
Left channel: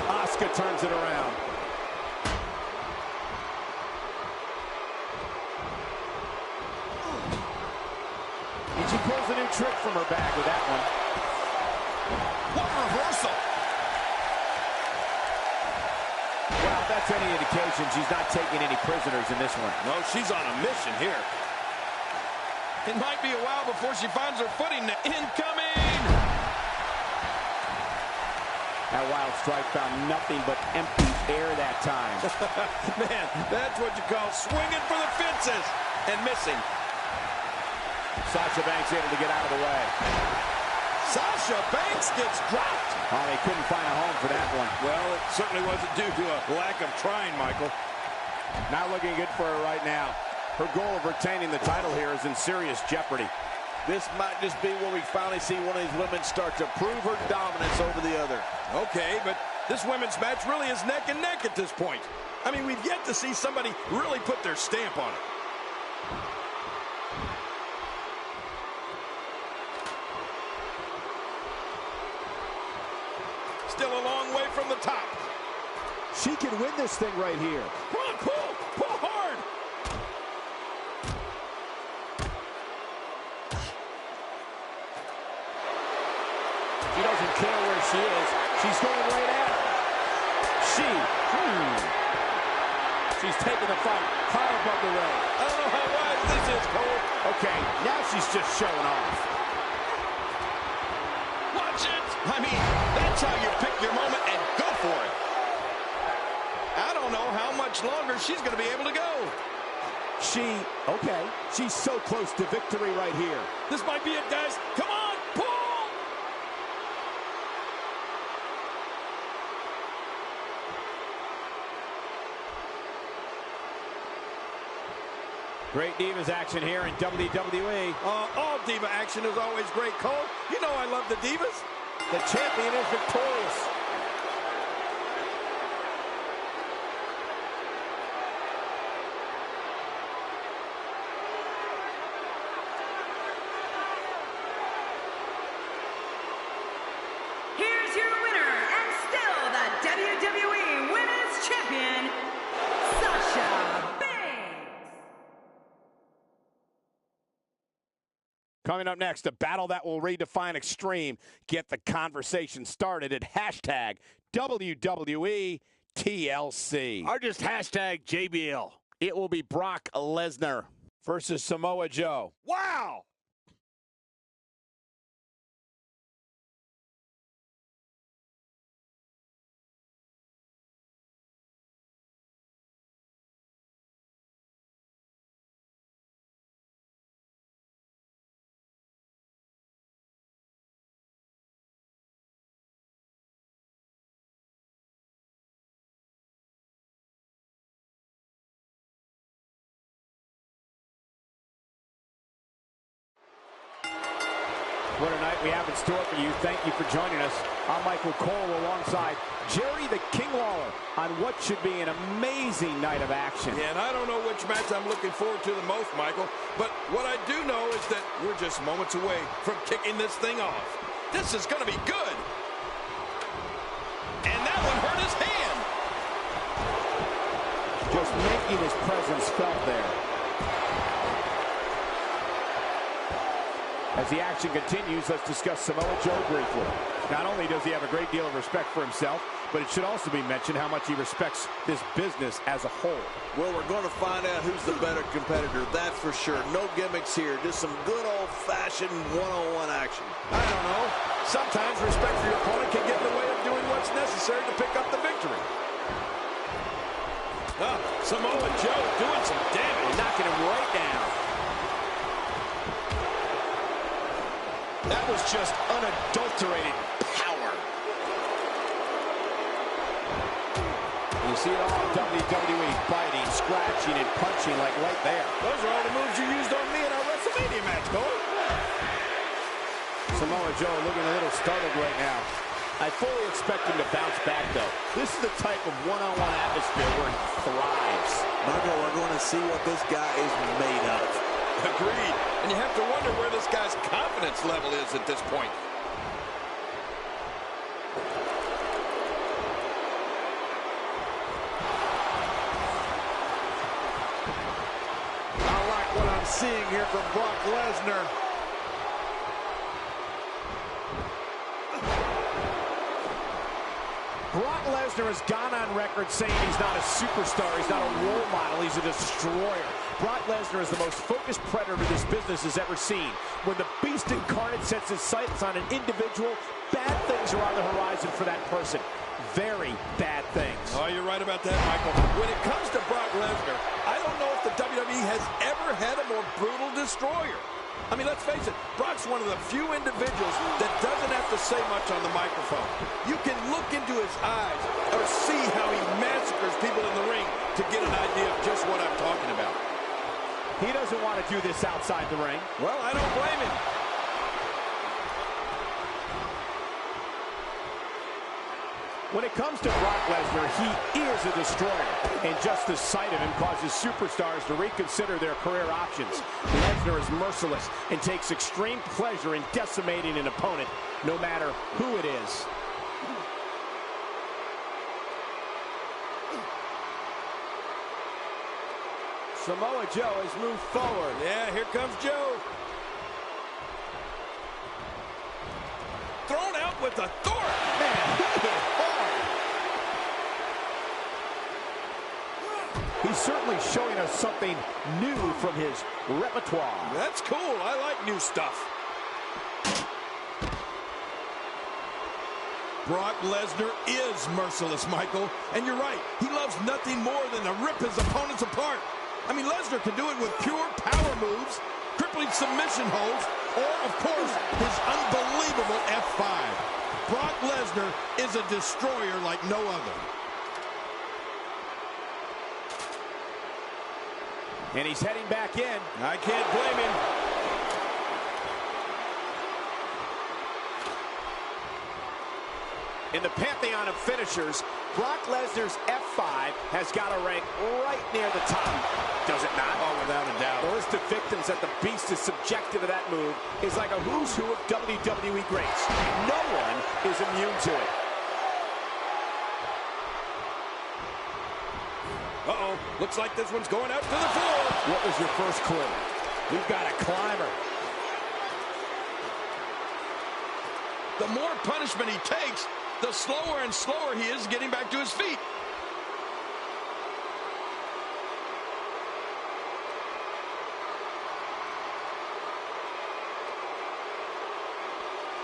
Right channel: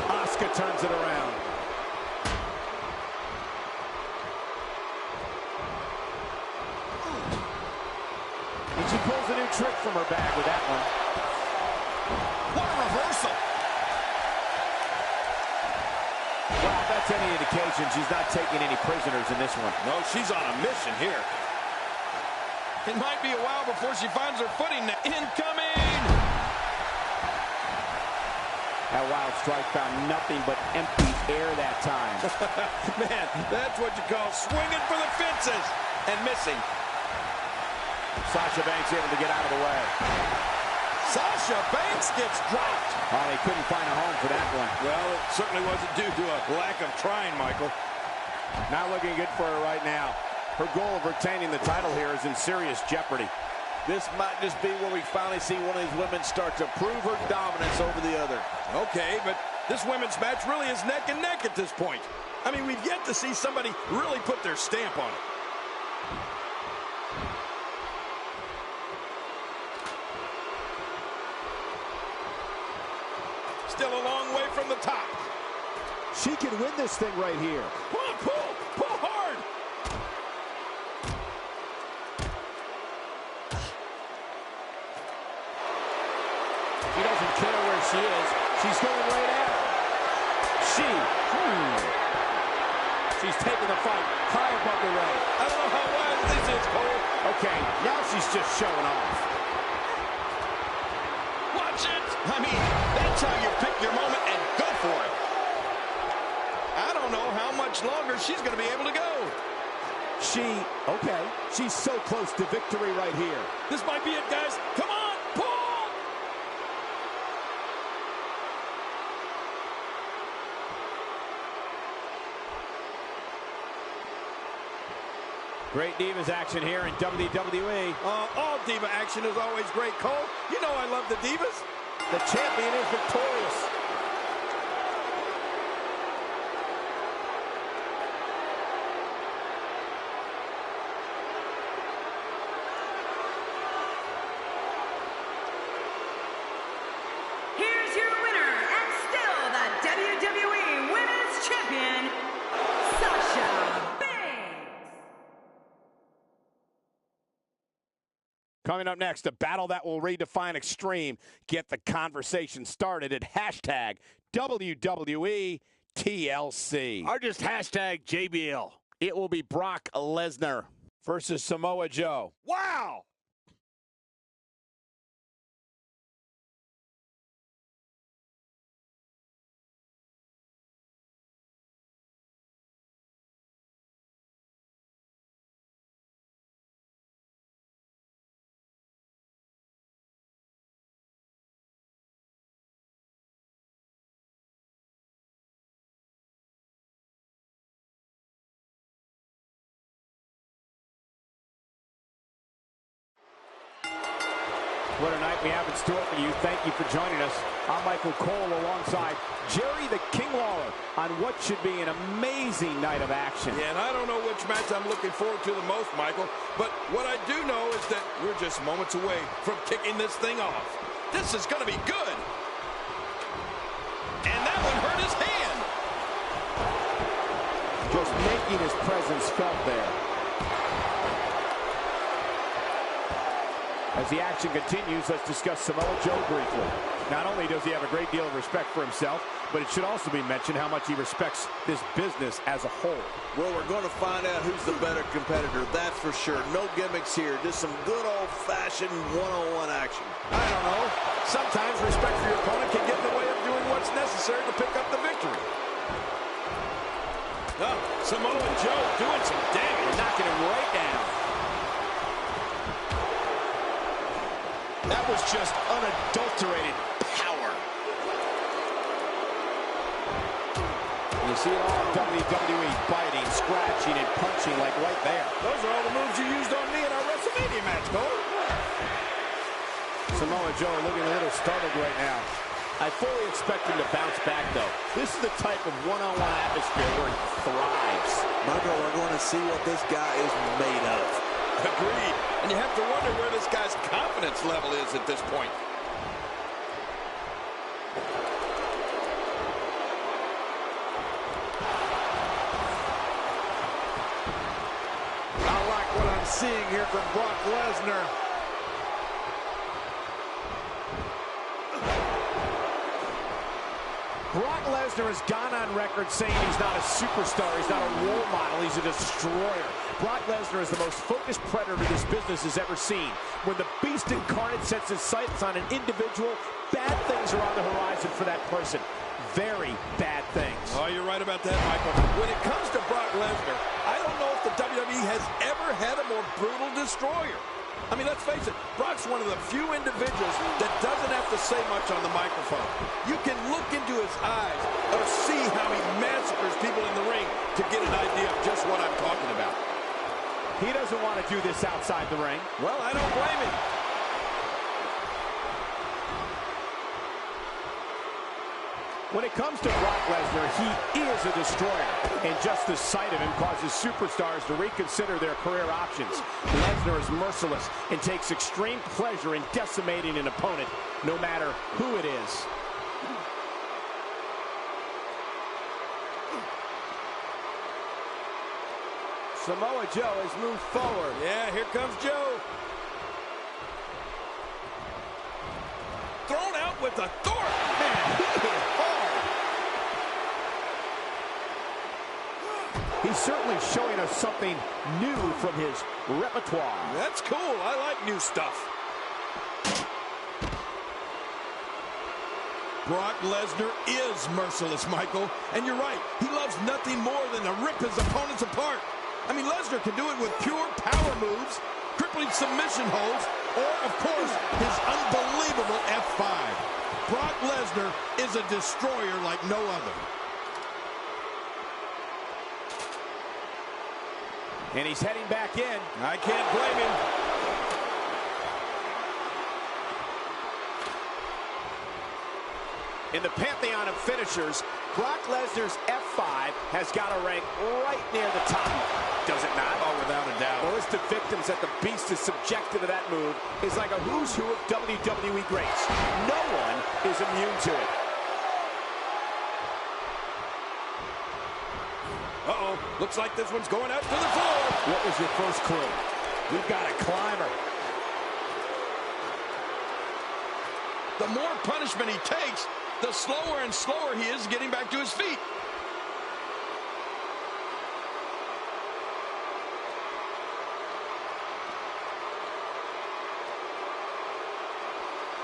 Asuka turns it around. And she pulls a new trick from her bag with that one. What a reversal. Wow, if that's any indication, she's not taking any prisoners in this one. No, she's on a mission here. It might be a while before she finds her footing now. Incoming! That wild strike found nothing but empty air that time. Man, that's what you call swinging for the fences and missing. Sasha Banks able to get out of the way. Sasha Banks gets dropped. Oh, they couldn't find a home for that one. Well, it certainly wasn't due to a lack of trying, Michael. Not looking good for her right now. Her goal of retaining the title here is in serious jeopardy. This might just be where we finally see one of these women start to prove her dominance over the other. Okay, but this women's match really is neck and neck at this point. I mean, we've yet to see somebody really put their stamp on it. Still a long way from the top. She can win this thing right here. Come on, pull hard. care where she is. She's going right at her. She's taking the fight high above the ring. I don't know how wise this is, Cole. Okay, now she's just showing off. Watch it. I mean, that's how you pick your moment and go for it. I don't know how much longer she's going to be able to go. She's so close to victory right here. This might be it, guys. Come on, pull! Great Divas action here in WWE. All Diva action is always great, Cole. You know I love the Divas. The champion is victorious. Here's your winner and still the WWE Women's Champion, Sasha Banks. Coming up next, a battle that will redefine extreme. Get the conversation started at hashtag WWE TLC. Or just hashtag JBL. It will be Brock Lesnar versus Samoa Joe. Wow! What a night we have in store for you. Thank you for joining us. I'm Michael Cole alongside Jerry the King Lawler on what should be an amazing night of action. Yeah, and I don't know which match I'm looking forward to the most, Michael, but what I do know is that we're just moments away from kicking this thing off. This is going to be good. And that one hurt his hand. Just making his presence felt there. As the action continues, let's discuss Samoa Joe briefly. Not only does he have a great deal of respect for himself, but it should also be mentioned how much he respects this business as a whole. Well, we're going to find out who's the better competitor, that's for sure. No gimmicks here, just some good old-fashioned one-on-one action. I don't know. Sometimes respect for your opponent can get in the way of doing what's necessary to pick up the victory. Samoa Joe doing some damage. Knocking him right down. That was just unadulterated power. You see it all in WWE, biting, scratching, and punching like right there. Those are all the moves you used on me in our WrestleMania match, Cole. Samoa Joe looking a little startled right now. I fully expect him to bounce back, though. This is the type of one-on-one atmosphere where he thrives. Michael, we're going to see what this guy is made of. Agreed. And you have to wonder where this guy's confidence level is at this point. I like what I'm seeing here from Brock Lesnar. Brock Lesnar has gone on record saying he's not a superstar, he's not a role model, he's a destroyer. Brock Lesnar is the most focused predator this business has ever seen. When the beast incarnate sets his sights on an individual, bad things are on the horizon for that person. Very bad things. Oh, you're right about that, Michael. When it comes to Brock Lesnar, I don't know if the WWE has ever had a more brutal destroyer. I mean, let's face it, Brock's one of the few individuals that doesn't have to say much on the microphone. You can look into his eyes or see how he massacres people in the ring to get an idea of just what I'm talking about. He doesn't want to do this outside the ring. Well, I don't blame him. When it comes to Brock Lesnar, he is a destroyer. And just the sight of him causes superstars to reconsider their career options. Lesnar is merciless and takes extreme pleasure in decimating an opponent, no matter who it is. Samoa Joe has moved forward. Yeah, here comes Joe. Thrown out with with authority. Man, he hit hard. He's certainly showing us something new from his repertoire. That's cool. I like new stuff. Brock Lesnar is merciless, Michael. And you're right. He loves nothing more than to rip his opponents apart. I mean, Lesnar can do it with pure power moves, crippling submission holds, or, of course, his unbelievable F5. Brock Lesnar is a destroyer like no other. And he's heading back in. I can't blame him. In the pantheon of finishers, Brock Lesnar's F5 has got to rank right near the top. Does it not? Oh, without a doubt. The list of victims that the Beast is subjected to that move is like a who's who of WWE greats. No one is immune to it. Uh-oh. Looks like this one's going out to the floor. What was your first clue? We've got a climber. The more punishment he takes, the slower and slower he is getting back to his feet.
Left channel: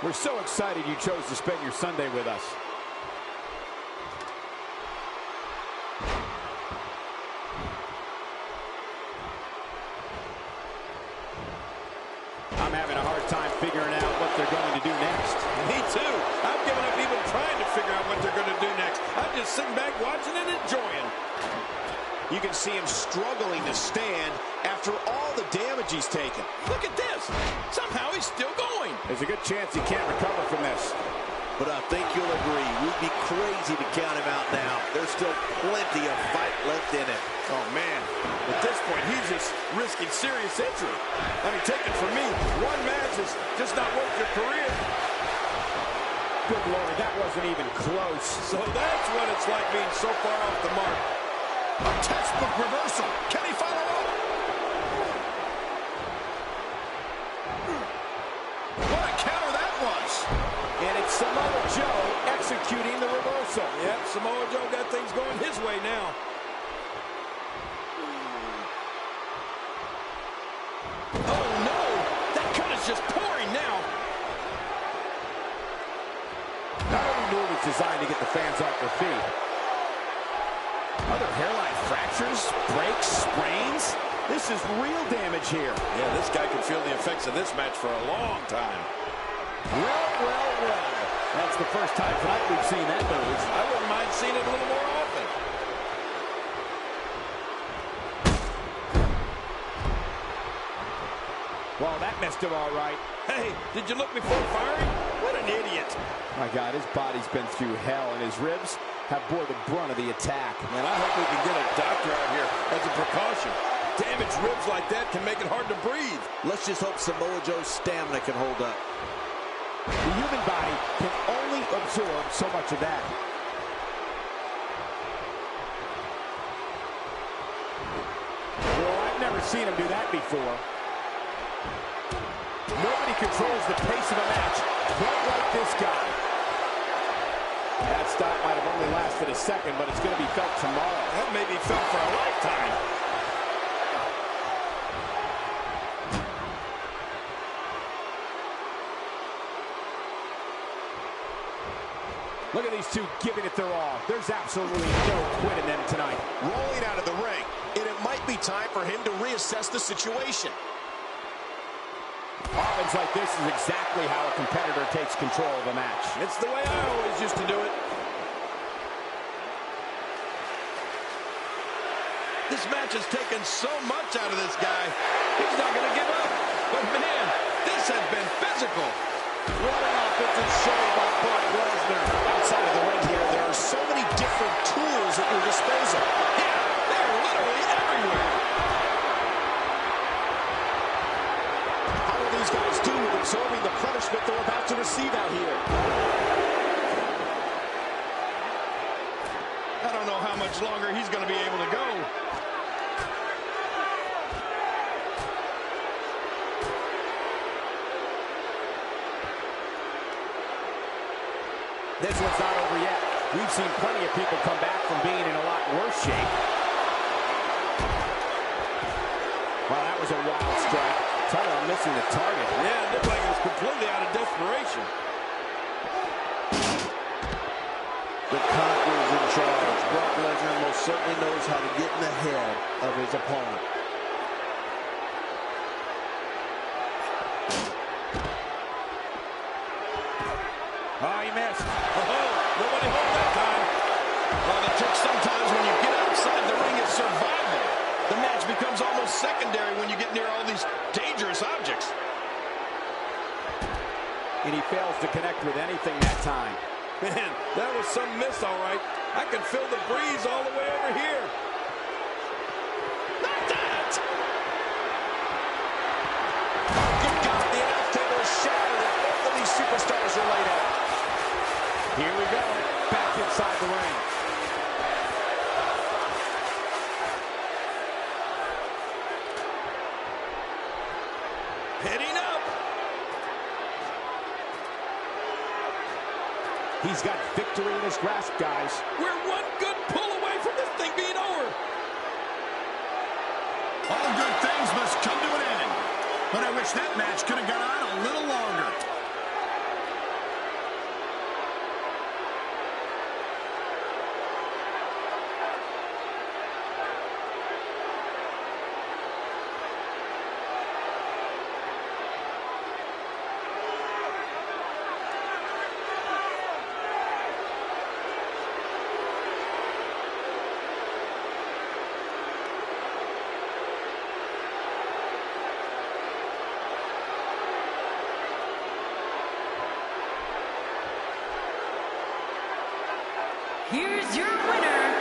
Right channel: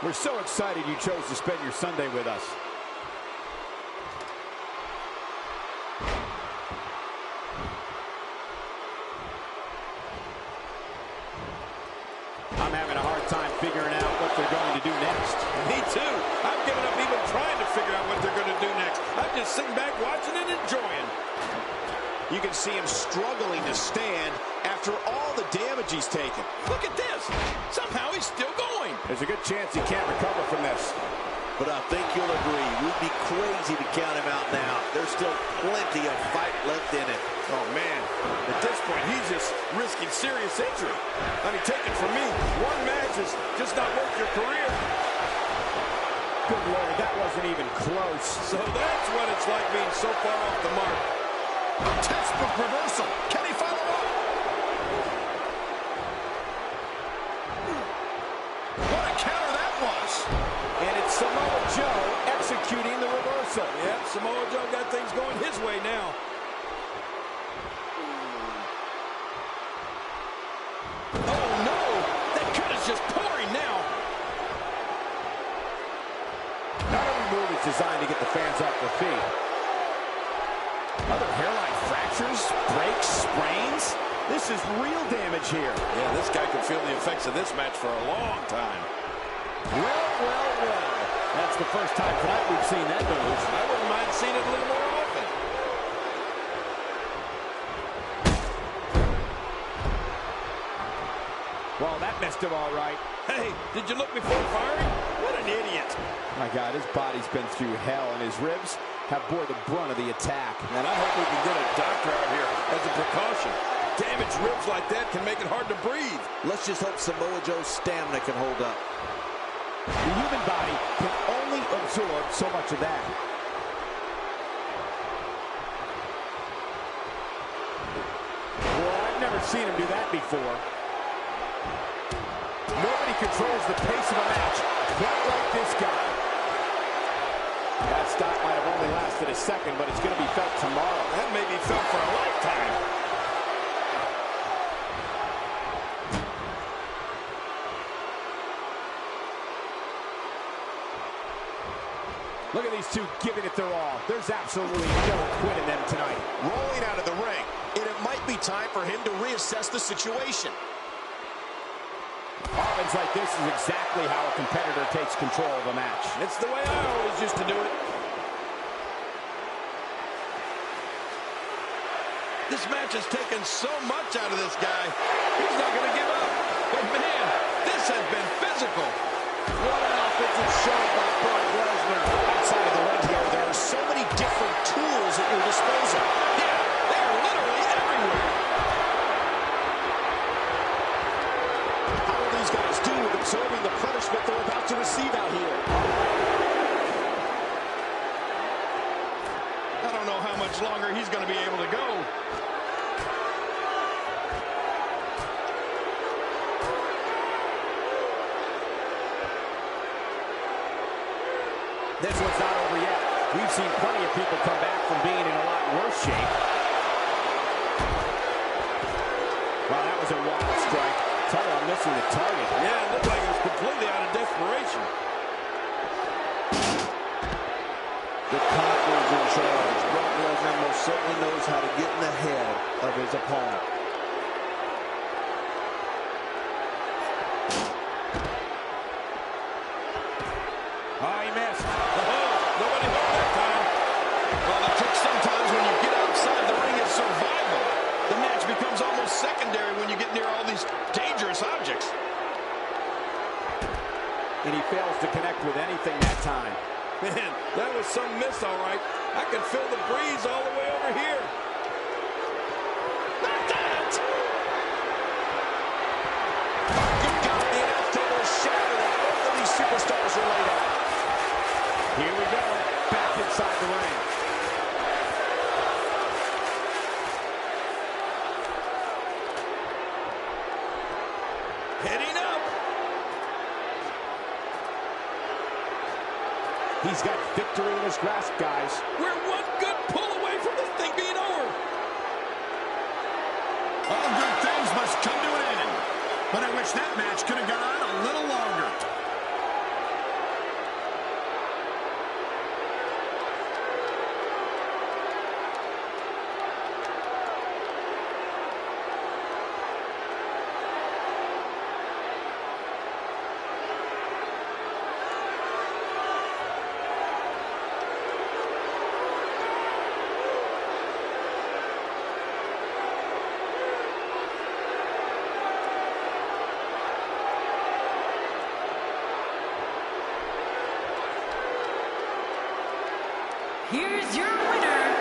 We're so excited you chose to spend your Sunday with us. I'm having a hard time figuring out what they're going to do next. Me too. I've given up even trying to figure out what they're going to do next. I'm just sitting back watching and enjoying. You can see him struggling to stand after all the damage he's taken. Look at this. Somehow he's still going. There's a good chance he can't recover from this. But I think you'll agree, we'd be crazy to count him out now. There's still plenty of fight left in him. Oh, man. At this point, he's just risking serious injury. I mean, take it from me. One match is just not worth your career. Good Lord, that wasn't even close. So that's what it's like being so far off the mark. A textbook reversal. Can he follow up? What a counter that was. And it's Samoa Joe executing the reversal. Yep, Samoa Joe got things going his way now. Oh, no! That cut is just pouring now. Not every move is designed to get the fans off their feet. Other hairline fractures, breaks, sprains. This is real damage here. Yeah, this guy could feel the effects of this match for a long time. Well. That's the first time tonight we've seen that move. I wouldn't mind seeing it a little more often. Well, that missed him all right. Hey, did you look before firing? What an idiot. My God, his body's been through hell, and his ribs have bore the brunt of the attack. And I hope we can get a doctor out here as a precaution. Damaged ribs like that can make it hard to breathe. Let's just hope Samoa Joe's stamina can hold up. The human body can only absorb so much of that. Well, I've never seen him do that before. Nobody controls the pace of a match quite like this guy. That stop might have only lasted a second, but it's going to be felt tomorrow. That may be felt for a lifetime. Look at these two giving it their all. There's absolutely no quit in them tonight. Rolling out of the ring, and it might be time for him to reassess the situation. Offense like this is exactly how a competitor takes control of a match. It's the way I always used to do it. This match has taken so much out of this guy. He's not going to give up. But, man, this has been physical. What an offensive show by Brock Lesnar. Outside of the ring here, there are so many different tools at your disposal. Yeah, they're literally everywhere. How will these guys do with absorbing the punishment they're about to receive out here? I don't know how much longer he's going to be able to go. This one's not over yet. We've seen plenty of people come back from being in a lot worse shape. Wow, that was a wild strike. Talk about missing the target. Yeah, it looked like it was completely out of desperation. The Conqueror's in charge. Brock Lesnar most certainly knows how to get in the head of his opponent. Oh, he missed. Oh, nobody home that time. Well, the trick sometimes when you get outside the ring is survival. The match becomes almost secondary when you get near all these dangerous objects. And he fails to connect with anything that time. Man, that was some miss, all right. I can feel the breeze all the way over here. Not that! Oh, good God, the announce table is shattered and both of these superstars are laid out. Here we go, back inside the ring. Heading up. He's got victory in his grasp, guys. We're one good pull away from this thing being over. All good things must come to an end. But I wish that match could have gone on a little longer. Here's your winner,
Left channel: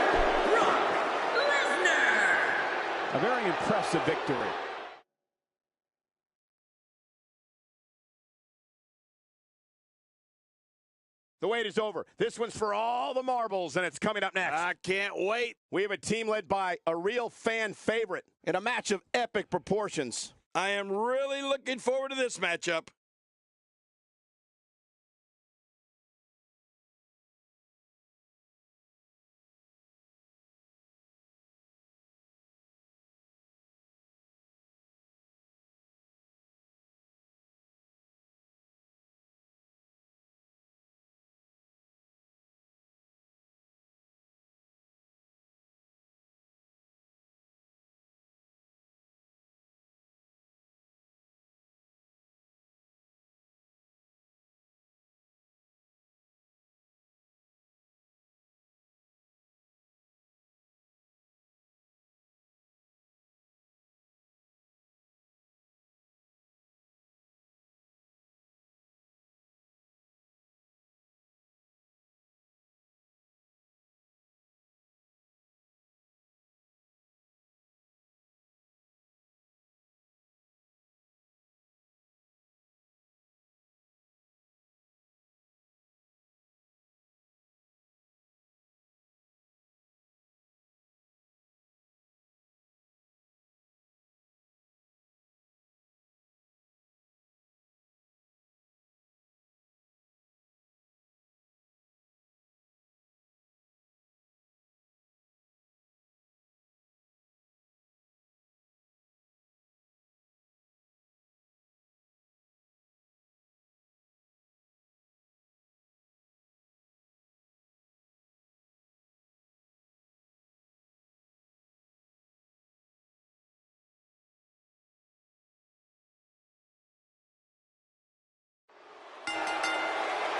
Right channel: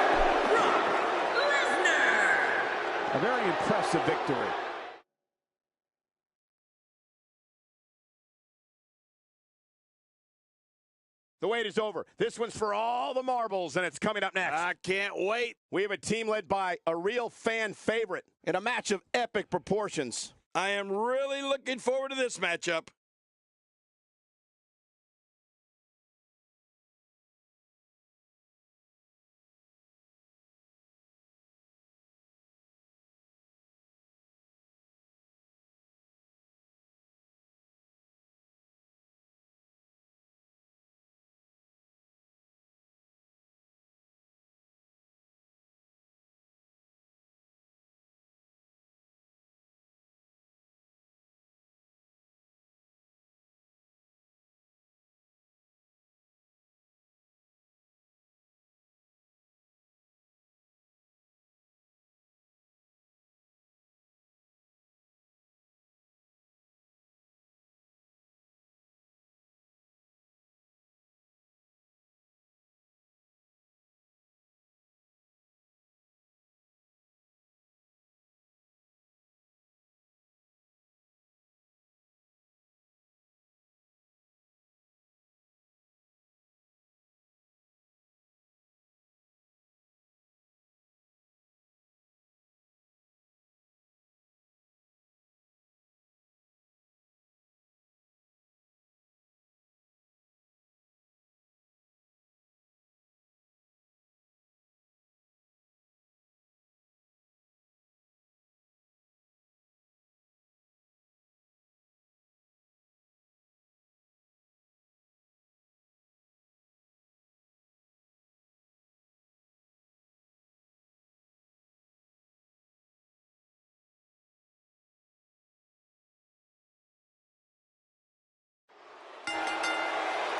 Brock Lesnar. A very impressive victory. The wait is over. This one's for all the marbles, and it's coming up next. I can't wait. We have a team led by a real fan favorite in a match of epic proportions. I am really looking forward to this matchup.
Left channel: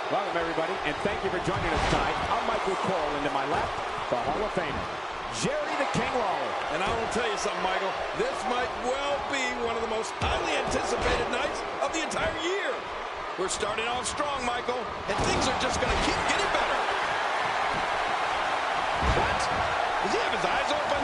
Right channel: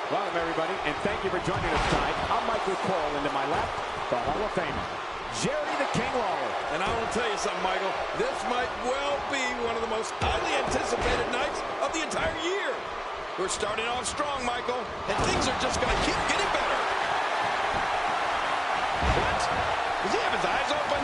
Welcome, everybody, and thank you for joining us tonight. I'm Michael Cole, and to my left, the Hall of Famer, Jerry the King Lawler. And I want to tell you something, Michael. This might well be one of the most highly anticipated nights of the entire year. We're starting off strong, Michael, and things are just going to keep getting better. What? Does he have his eyes open?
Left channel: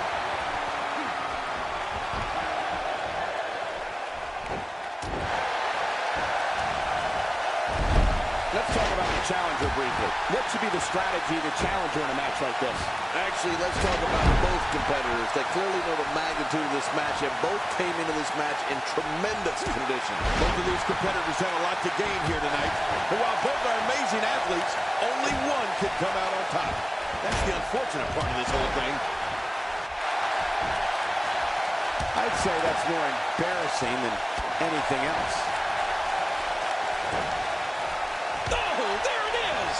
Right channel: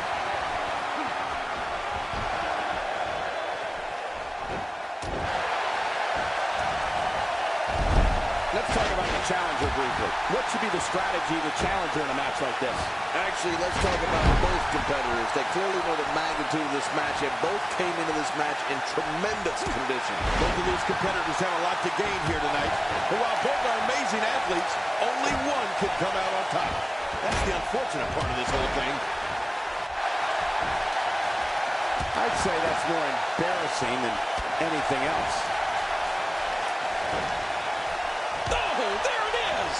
Let's talk about the challenger briefly. What should be the strategy of the challenger in a match like this? Actually, let's talk about both competitors. They clearly know the magnitude of this match, and both came into this match in tremendous condition. Both of these competitors have a lot to gain here tonight. And while both are amazing athletes, only only one could come out on top. That's the unfortunate part of this whole thing. I'd say that's more embarrassing than anything else. Oh, there it is!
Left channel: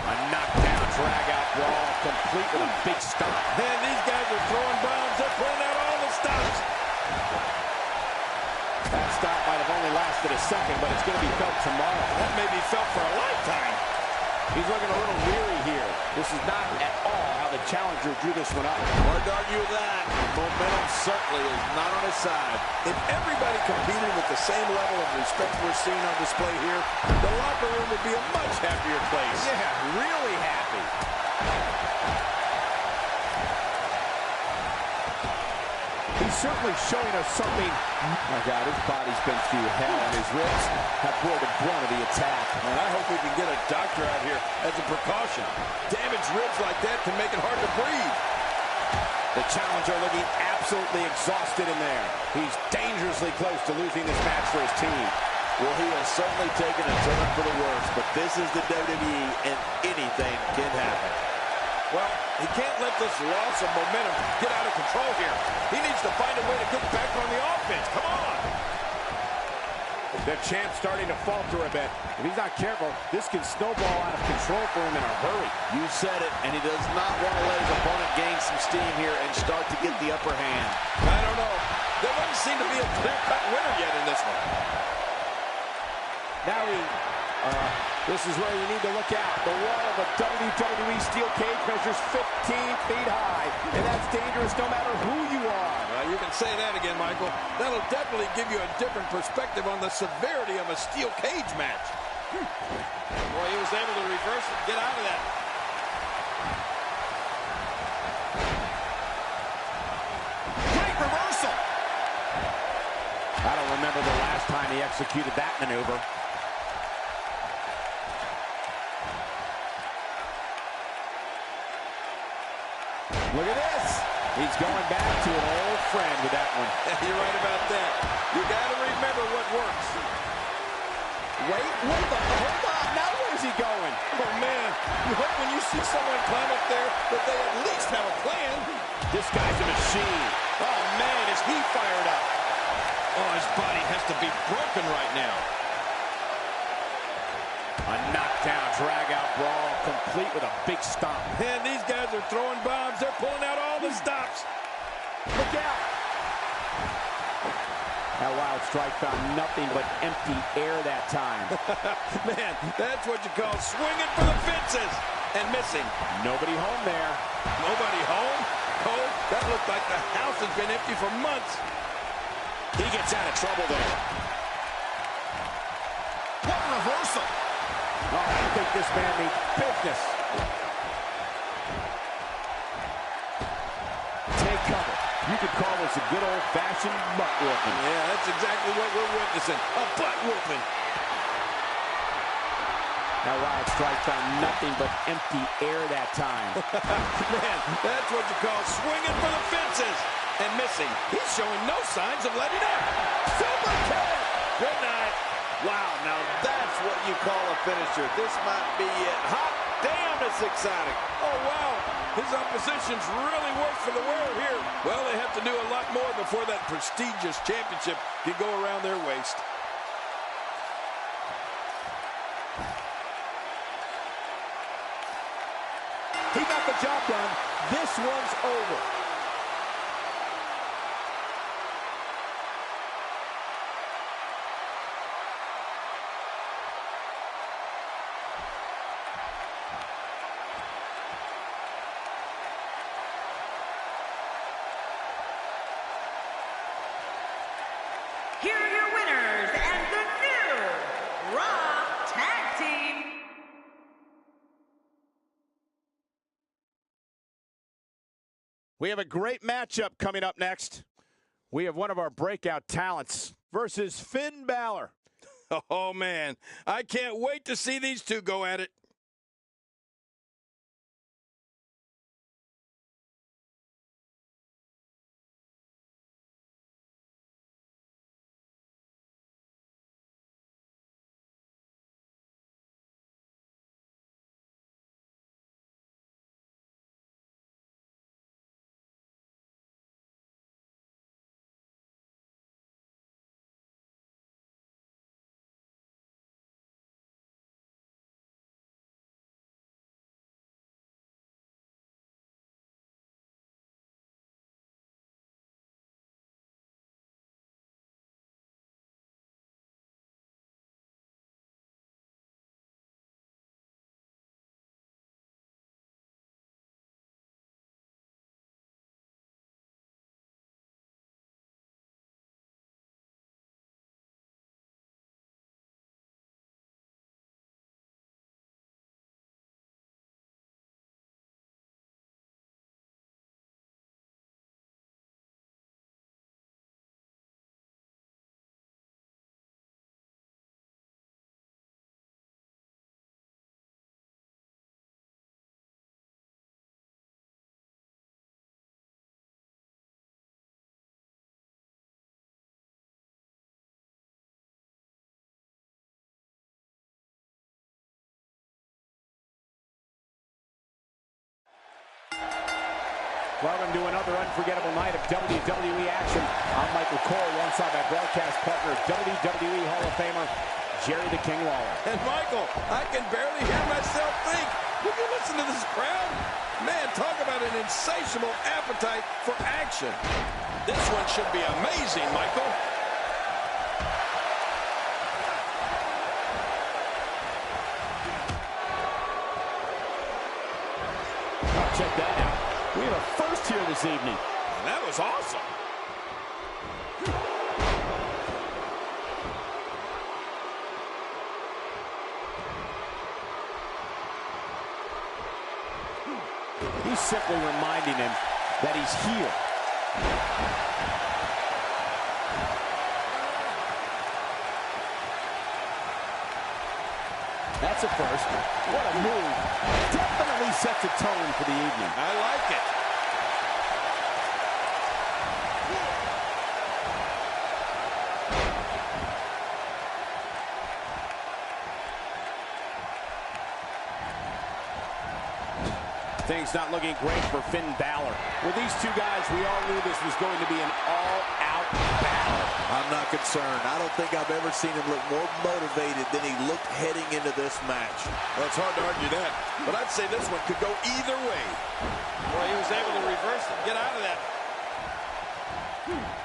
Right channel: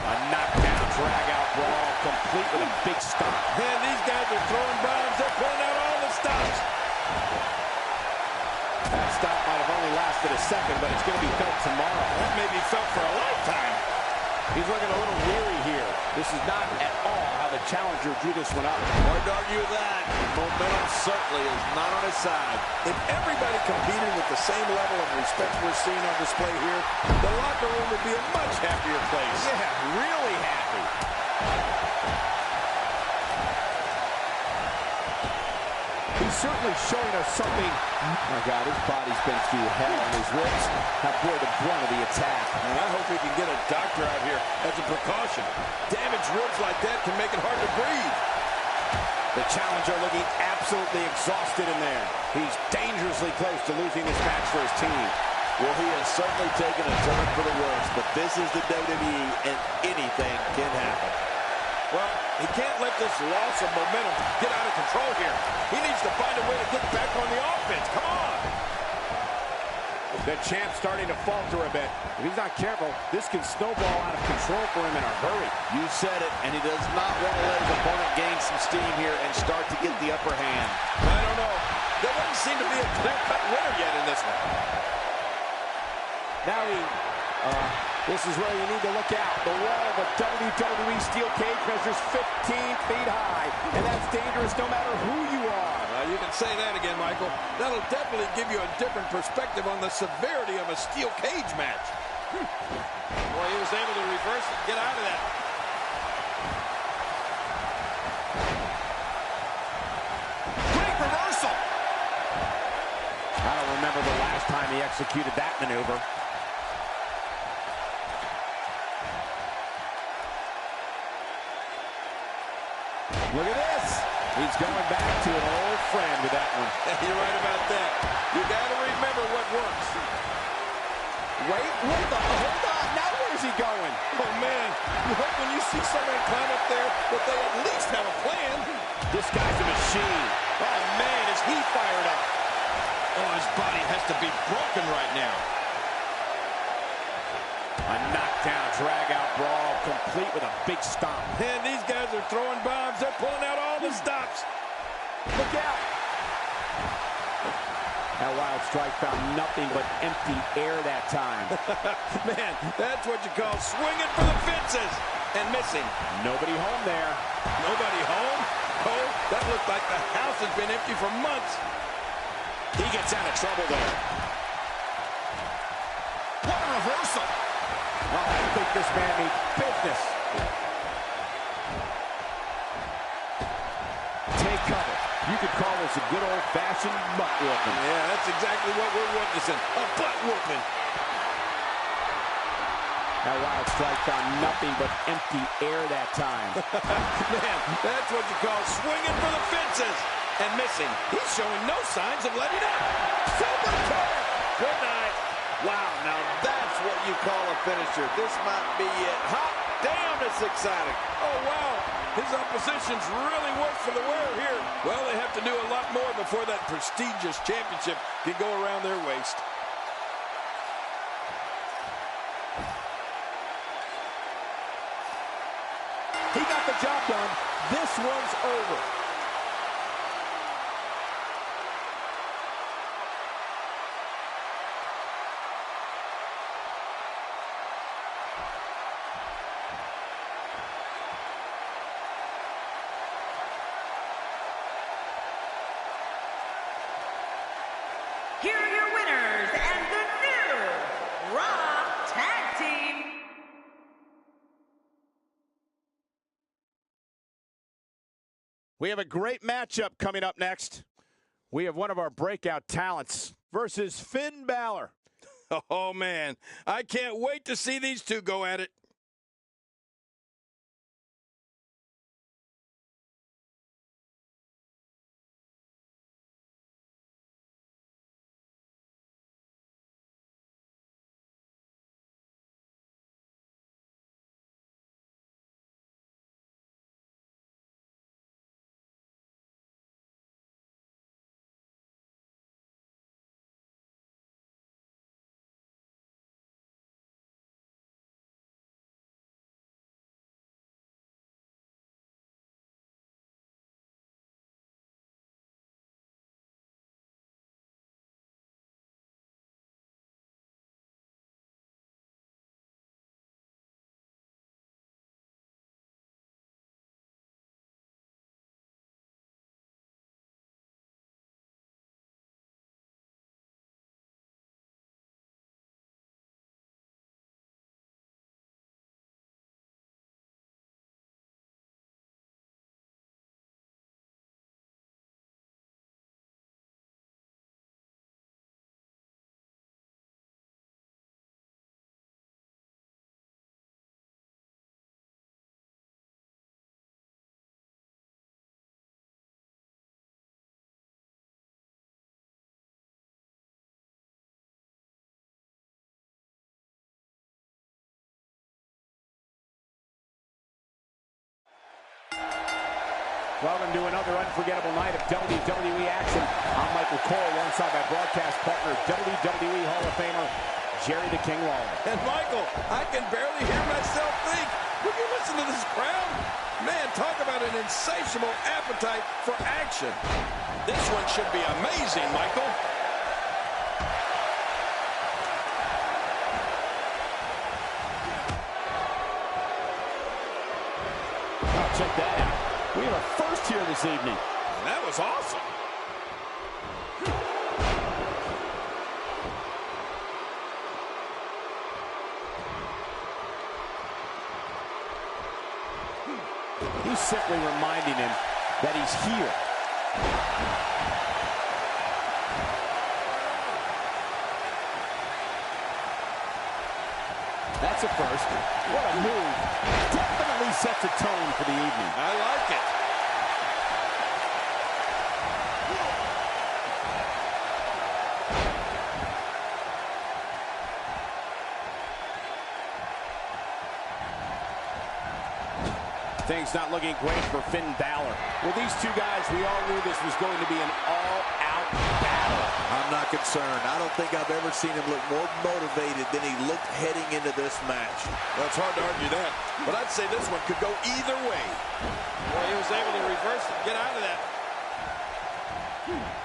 A knockdown, drag-out brawl, complete with a big stomp. Man, these guys are throwing bombs. They're pulling out all the stops. That stop might have only lasted a second, but it's going to be felt tomorrow. That may be felt for a lifetime. He's looking a little weary here. This is not at all how the challenger drew this one up. Hard to argue with that. Momentum certainly is not on his side. If everybody competed with the same level of respect we're seeing on display here, the locker room would be a much happier place. Yeah, really happy. He's certainly showing us something. Oh my God, his body's been through hell, and his ribs have bore the brunt of the attack. And I hope we can get a doctor out here as a precaution. Damaged ribs like that can make it hard to breathe. The challenger looking absolutely exhausted in there. He's dangerously close to losing this match for his team. Well, he has certainly taken a turn for the worse, but this is the WWE, and anything can happen. Well, he can't let this loss of momentum get out of control here. He needs to find a way to get back on the offense. Come on. The champ's starting to falter a bit. If he's not careful, this can snowball out of control for him in a hurry. You said it, and he does not want to let his opponent gain some steam here and start to get the upper hand. I don't know. There doesn't seem to be a clear-cut winner yet in this one. Now this is where you need to look out. The wall of a WWE steel cage measures 15 feet high, and that's dangerous no matter who you are. You can say that again, Michael. That'll definitely give you a different perspective on the severity of a steel cage match. Boy, he was able to reverse it, get out of that. Great reversal. I don't remember the last time he executed that maneuver. Look at this. He's going back to an old friend with that one. You're right about that. You got to remember what works. Wait, what the? Hold on. Now where's he going? Oh, man. You hope when you see someone climb up there that they at least have a plan. This guy's a machine. Oh, man, is he fired up. Oh, his body has to be broken right now. A knockdown, drag-out brawl, complete with a big stomp. Man, these guys are throwing bombs. They're pulling out all the stops. Look out. That wild strike found nothing but empty air that time. Man, that's what you call swinging for the fences and missing. Nobody home there. Nobody home? Cole, that looked like the house has been empty for months. He gets out of trouble there. What a reversal. Oh, I think this man means business. Take cover. You could call this a good old-fashioned butt whooping. Yeah, that's exactly what we're witnessing. A butt whooping. That wild strike found nothing but empty air that time. Man, that's what you call swinging for the fences and missing. He's showing no signs of letting up. Super kick! Good night. Wow, now that's what you call a finisher. This might be it. Hot damn, it's exciting. Oh, wow. His opposition's really worked for the wear here. Well, they have to do a lot more before that prestigious championship can go around their waist. He got the job done. This one's over. Here are your winners and the new Raw Tag Team. We have a great matchup coming up next. We have one of our breakout talents versus Finn Balor. Oh, man. I can't wait to see these two go at it. Welcome to another unforgettable night of WWE action. I'm Michael Cole, alongside my broadcast partner, WWE Hall of Famer, Jerry the King Lawler. And Michael, I can barely hear myself think. Would you listen to this crowd? Man, talk about an insatiable appetite for action. This one should be amazing, Michael. Oh, check that out. We have a first here this evening. And that was awesome. He's simply reminding him that he's here. That's a first. What a move. Definitely sets a tone for the evening. I like it. Things not looking great for Finn Balor. With these two guys, we all knew this was going to be an all-out battle. I'm not concerned. I don't think I've ever seen him look more motivated than he looked heading into this match. Well, it's hard to argue that, but I'd say this one could go either way. Boy, he was able to reverse it, get out of that.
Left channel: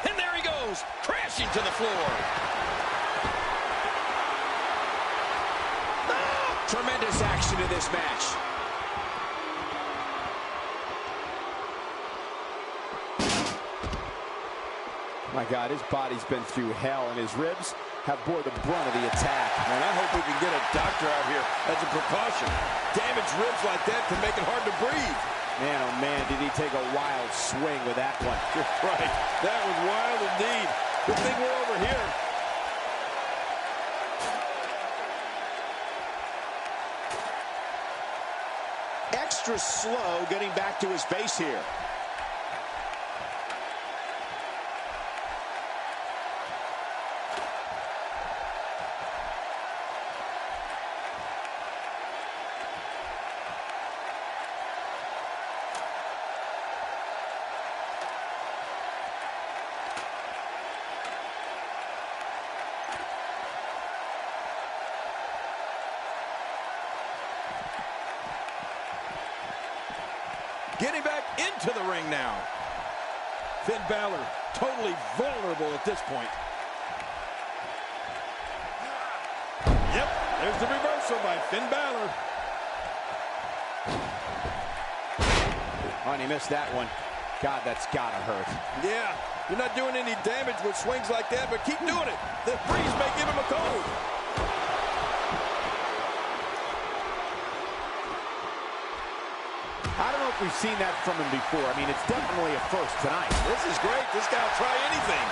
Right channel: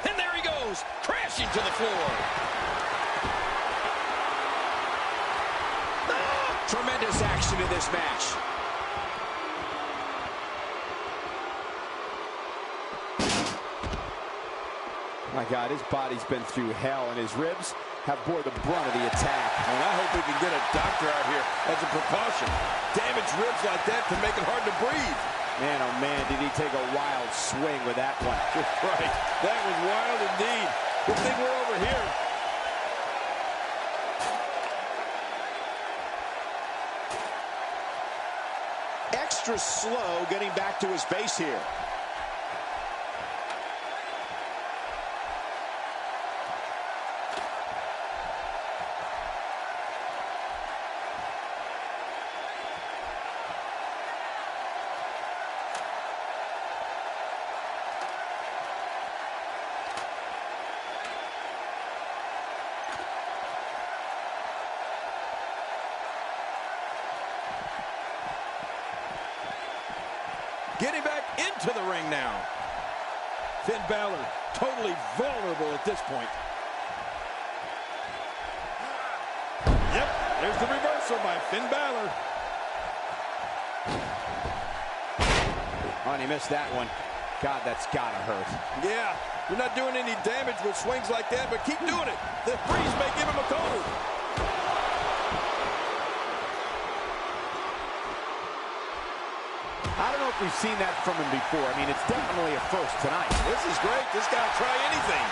And there he goes, crashing to the floor. Tremendous action in this match. My God, his body's been through hell, and his ribs have bore the brunt of the attack. And I hope we can get a doctor out here as a precaution. Damaged ribs like that can make it hard to breathe. Man, oh man, did he take a wild swing with that one. Just right. That was wild indeed. Good thing we're over here. Extra slow getting back to his base here. Getting back into the ring now. Finn Balor totally vulnerable at this point. Yep, there's the reversal by Finn Balor. Oh, and he missed that one. God, that's gotta hurt. Yeah, you're not doing any damage with swings like that, but keep doing it. The freeze may give him a cold. I don't know if we've seen that from him before. I mean, it's definitely a first tonight. This is great. This guy will try anything.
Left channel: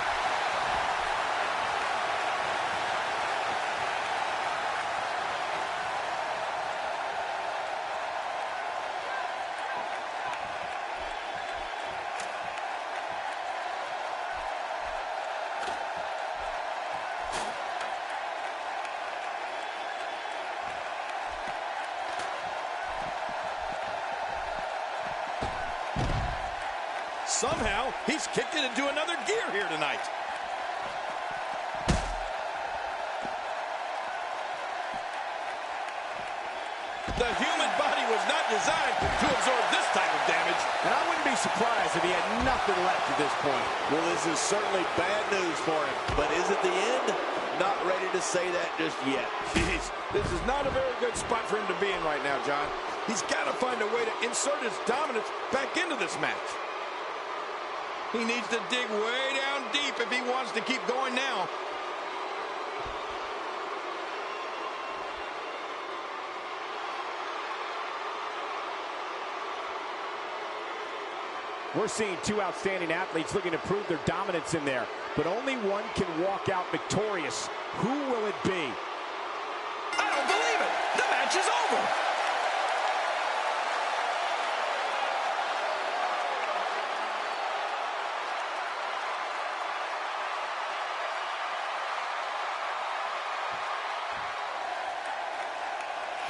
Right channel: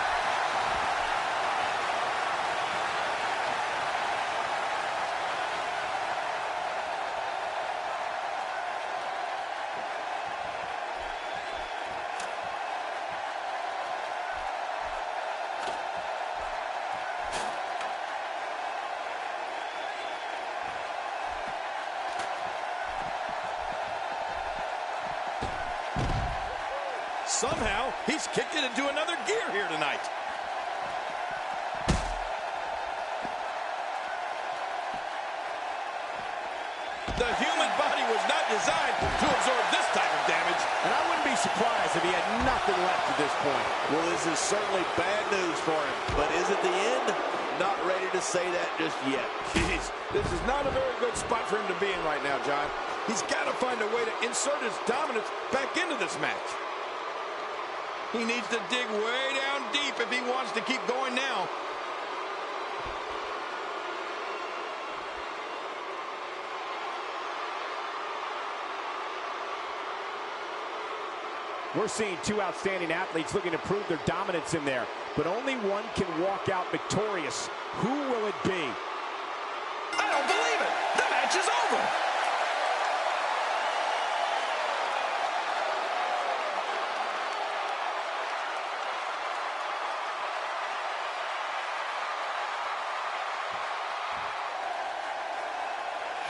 Somehow, he's kicked it into another gear here tonight. The human body was not designed to absorb this type of damage. And I wouldn't be surprised if he had nothing left at this point. Well, this is certainly bad news for him, but is it the end? Not ready to say that just yet. Jeez, this is not a very good spot for him to be in right now, John. He's got to find a way to insert his dominance back into this match. He needs to dig way down deep if he wants to keep going now. We're seeing two outstanding athletes looking to prove their dominance in there, but only one can walk out victorious. Who will it be? I don't believe it. The match is over.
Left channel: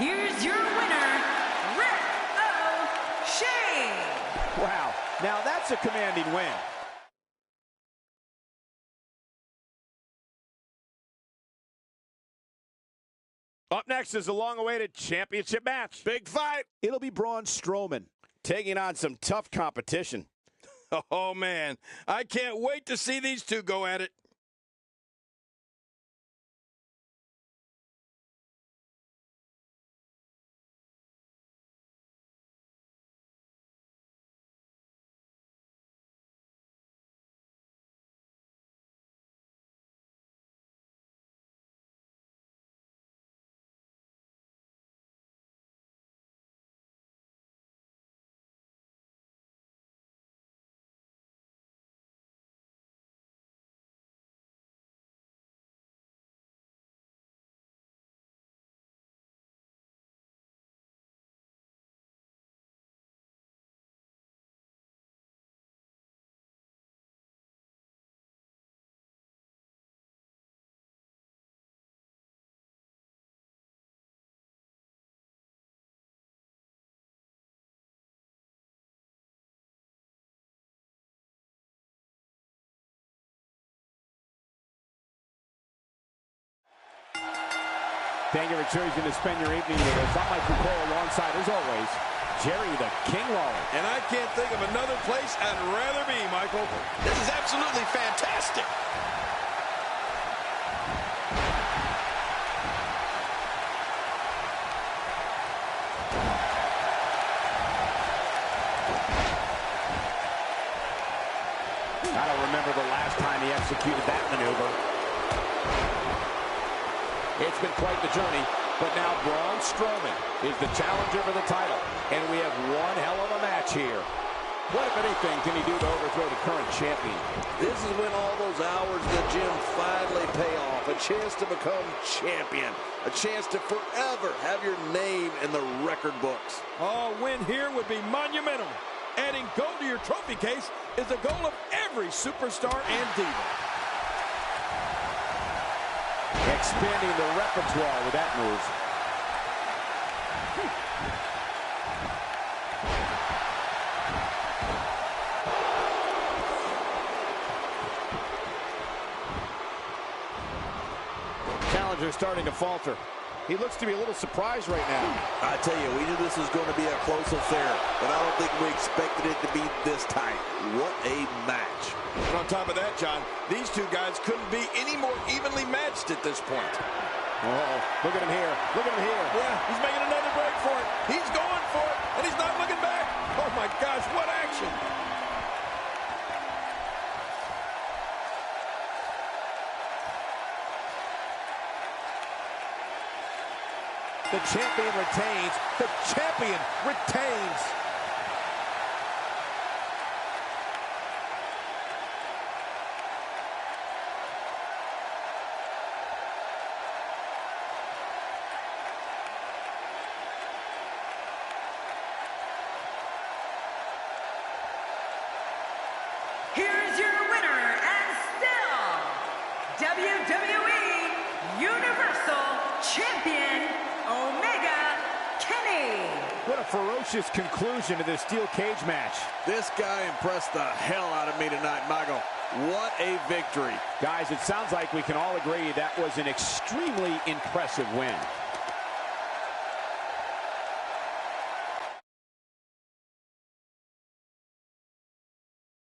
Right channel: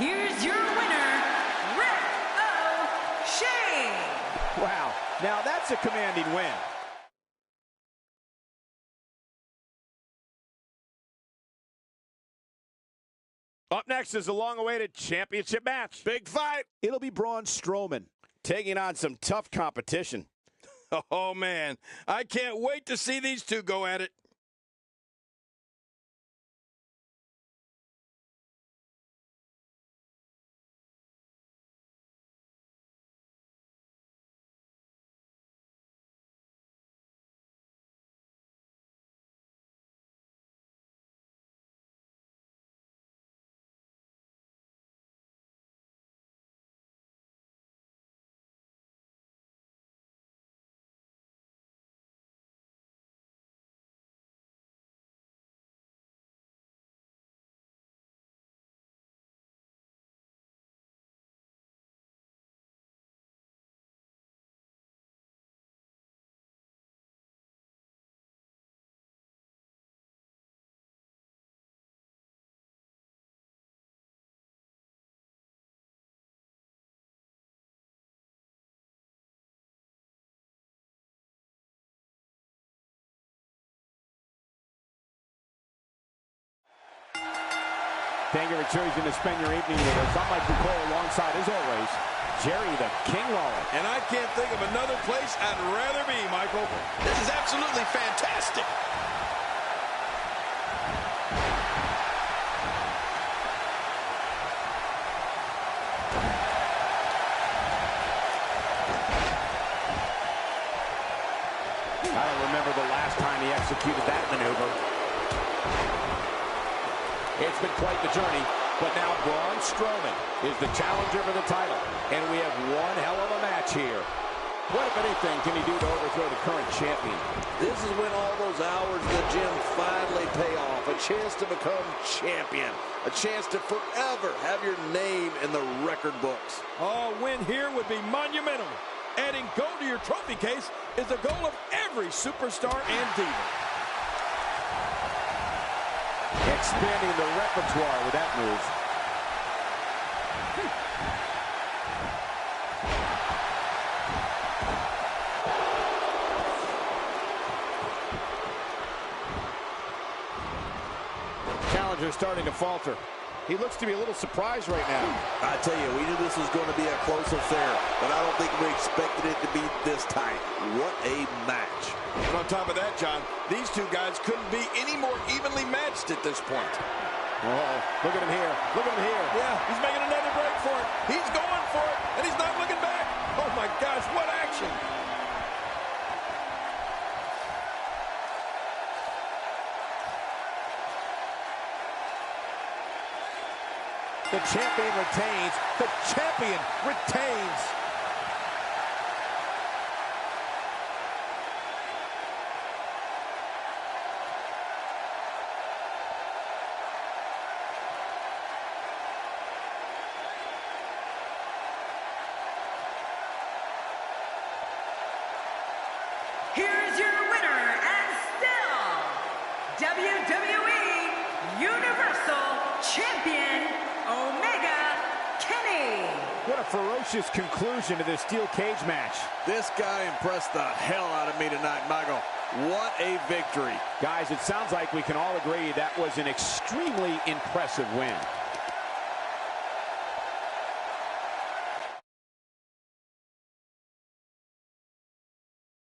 Here's your winner, Rick O'Shea. Wow, Now that's a commanding win. Up next is a long-awaited championship match. Big fight. It'll be Braun Strowman taking on some tough competition. Oh, man. I can't wait to see these two go at it. Thank you for choosing to spend your evening with us. I'm Mike Bucol alongside, as always, Jerry the King Lawler. And I can't think of another place I'd rather be, Michael. This is absolutely fantastic. I don't remember the last time he executed that maneuver. It's been quite the journey, but now Braun Strowman is the challenger for the title, and we have one hell of a match here. What, if anything, can he do to overthrow the current champion? This is when all those hours in the gym finally pay off. A chance to become champion. A chance to forever have your name in the record books. Oh, a win here would be monumental. Adding gold to your trophy case is the goal of every superstar and diva. Expanding the repertoire with that move. Challenger starting to falter. He looks to be a little surprised right now. I tell you, we knew this was going to be a close affair, but I don't think we expected it to be this tight. What a match. And on top of that, John, these two guys couldn't be any more evenly matched at this point. Uh-oh. Look at him here. Look at him here. Yeah, he's making another break for it. He's going for it, and he's not looking back. Oh, my gosh, what action. The champion retains. The champion retains. Here's your winner and still WWE Universal Champion, Omega Kenny. What a ferocious conclusion to this steel cage match. This guy impressed the hell out of me tonight, Michael. What a victory. Guys, it sounds like we can all agree that was an extremely impressive win.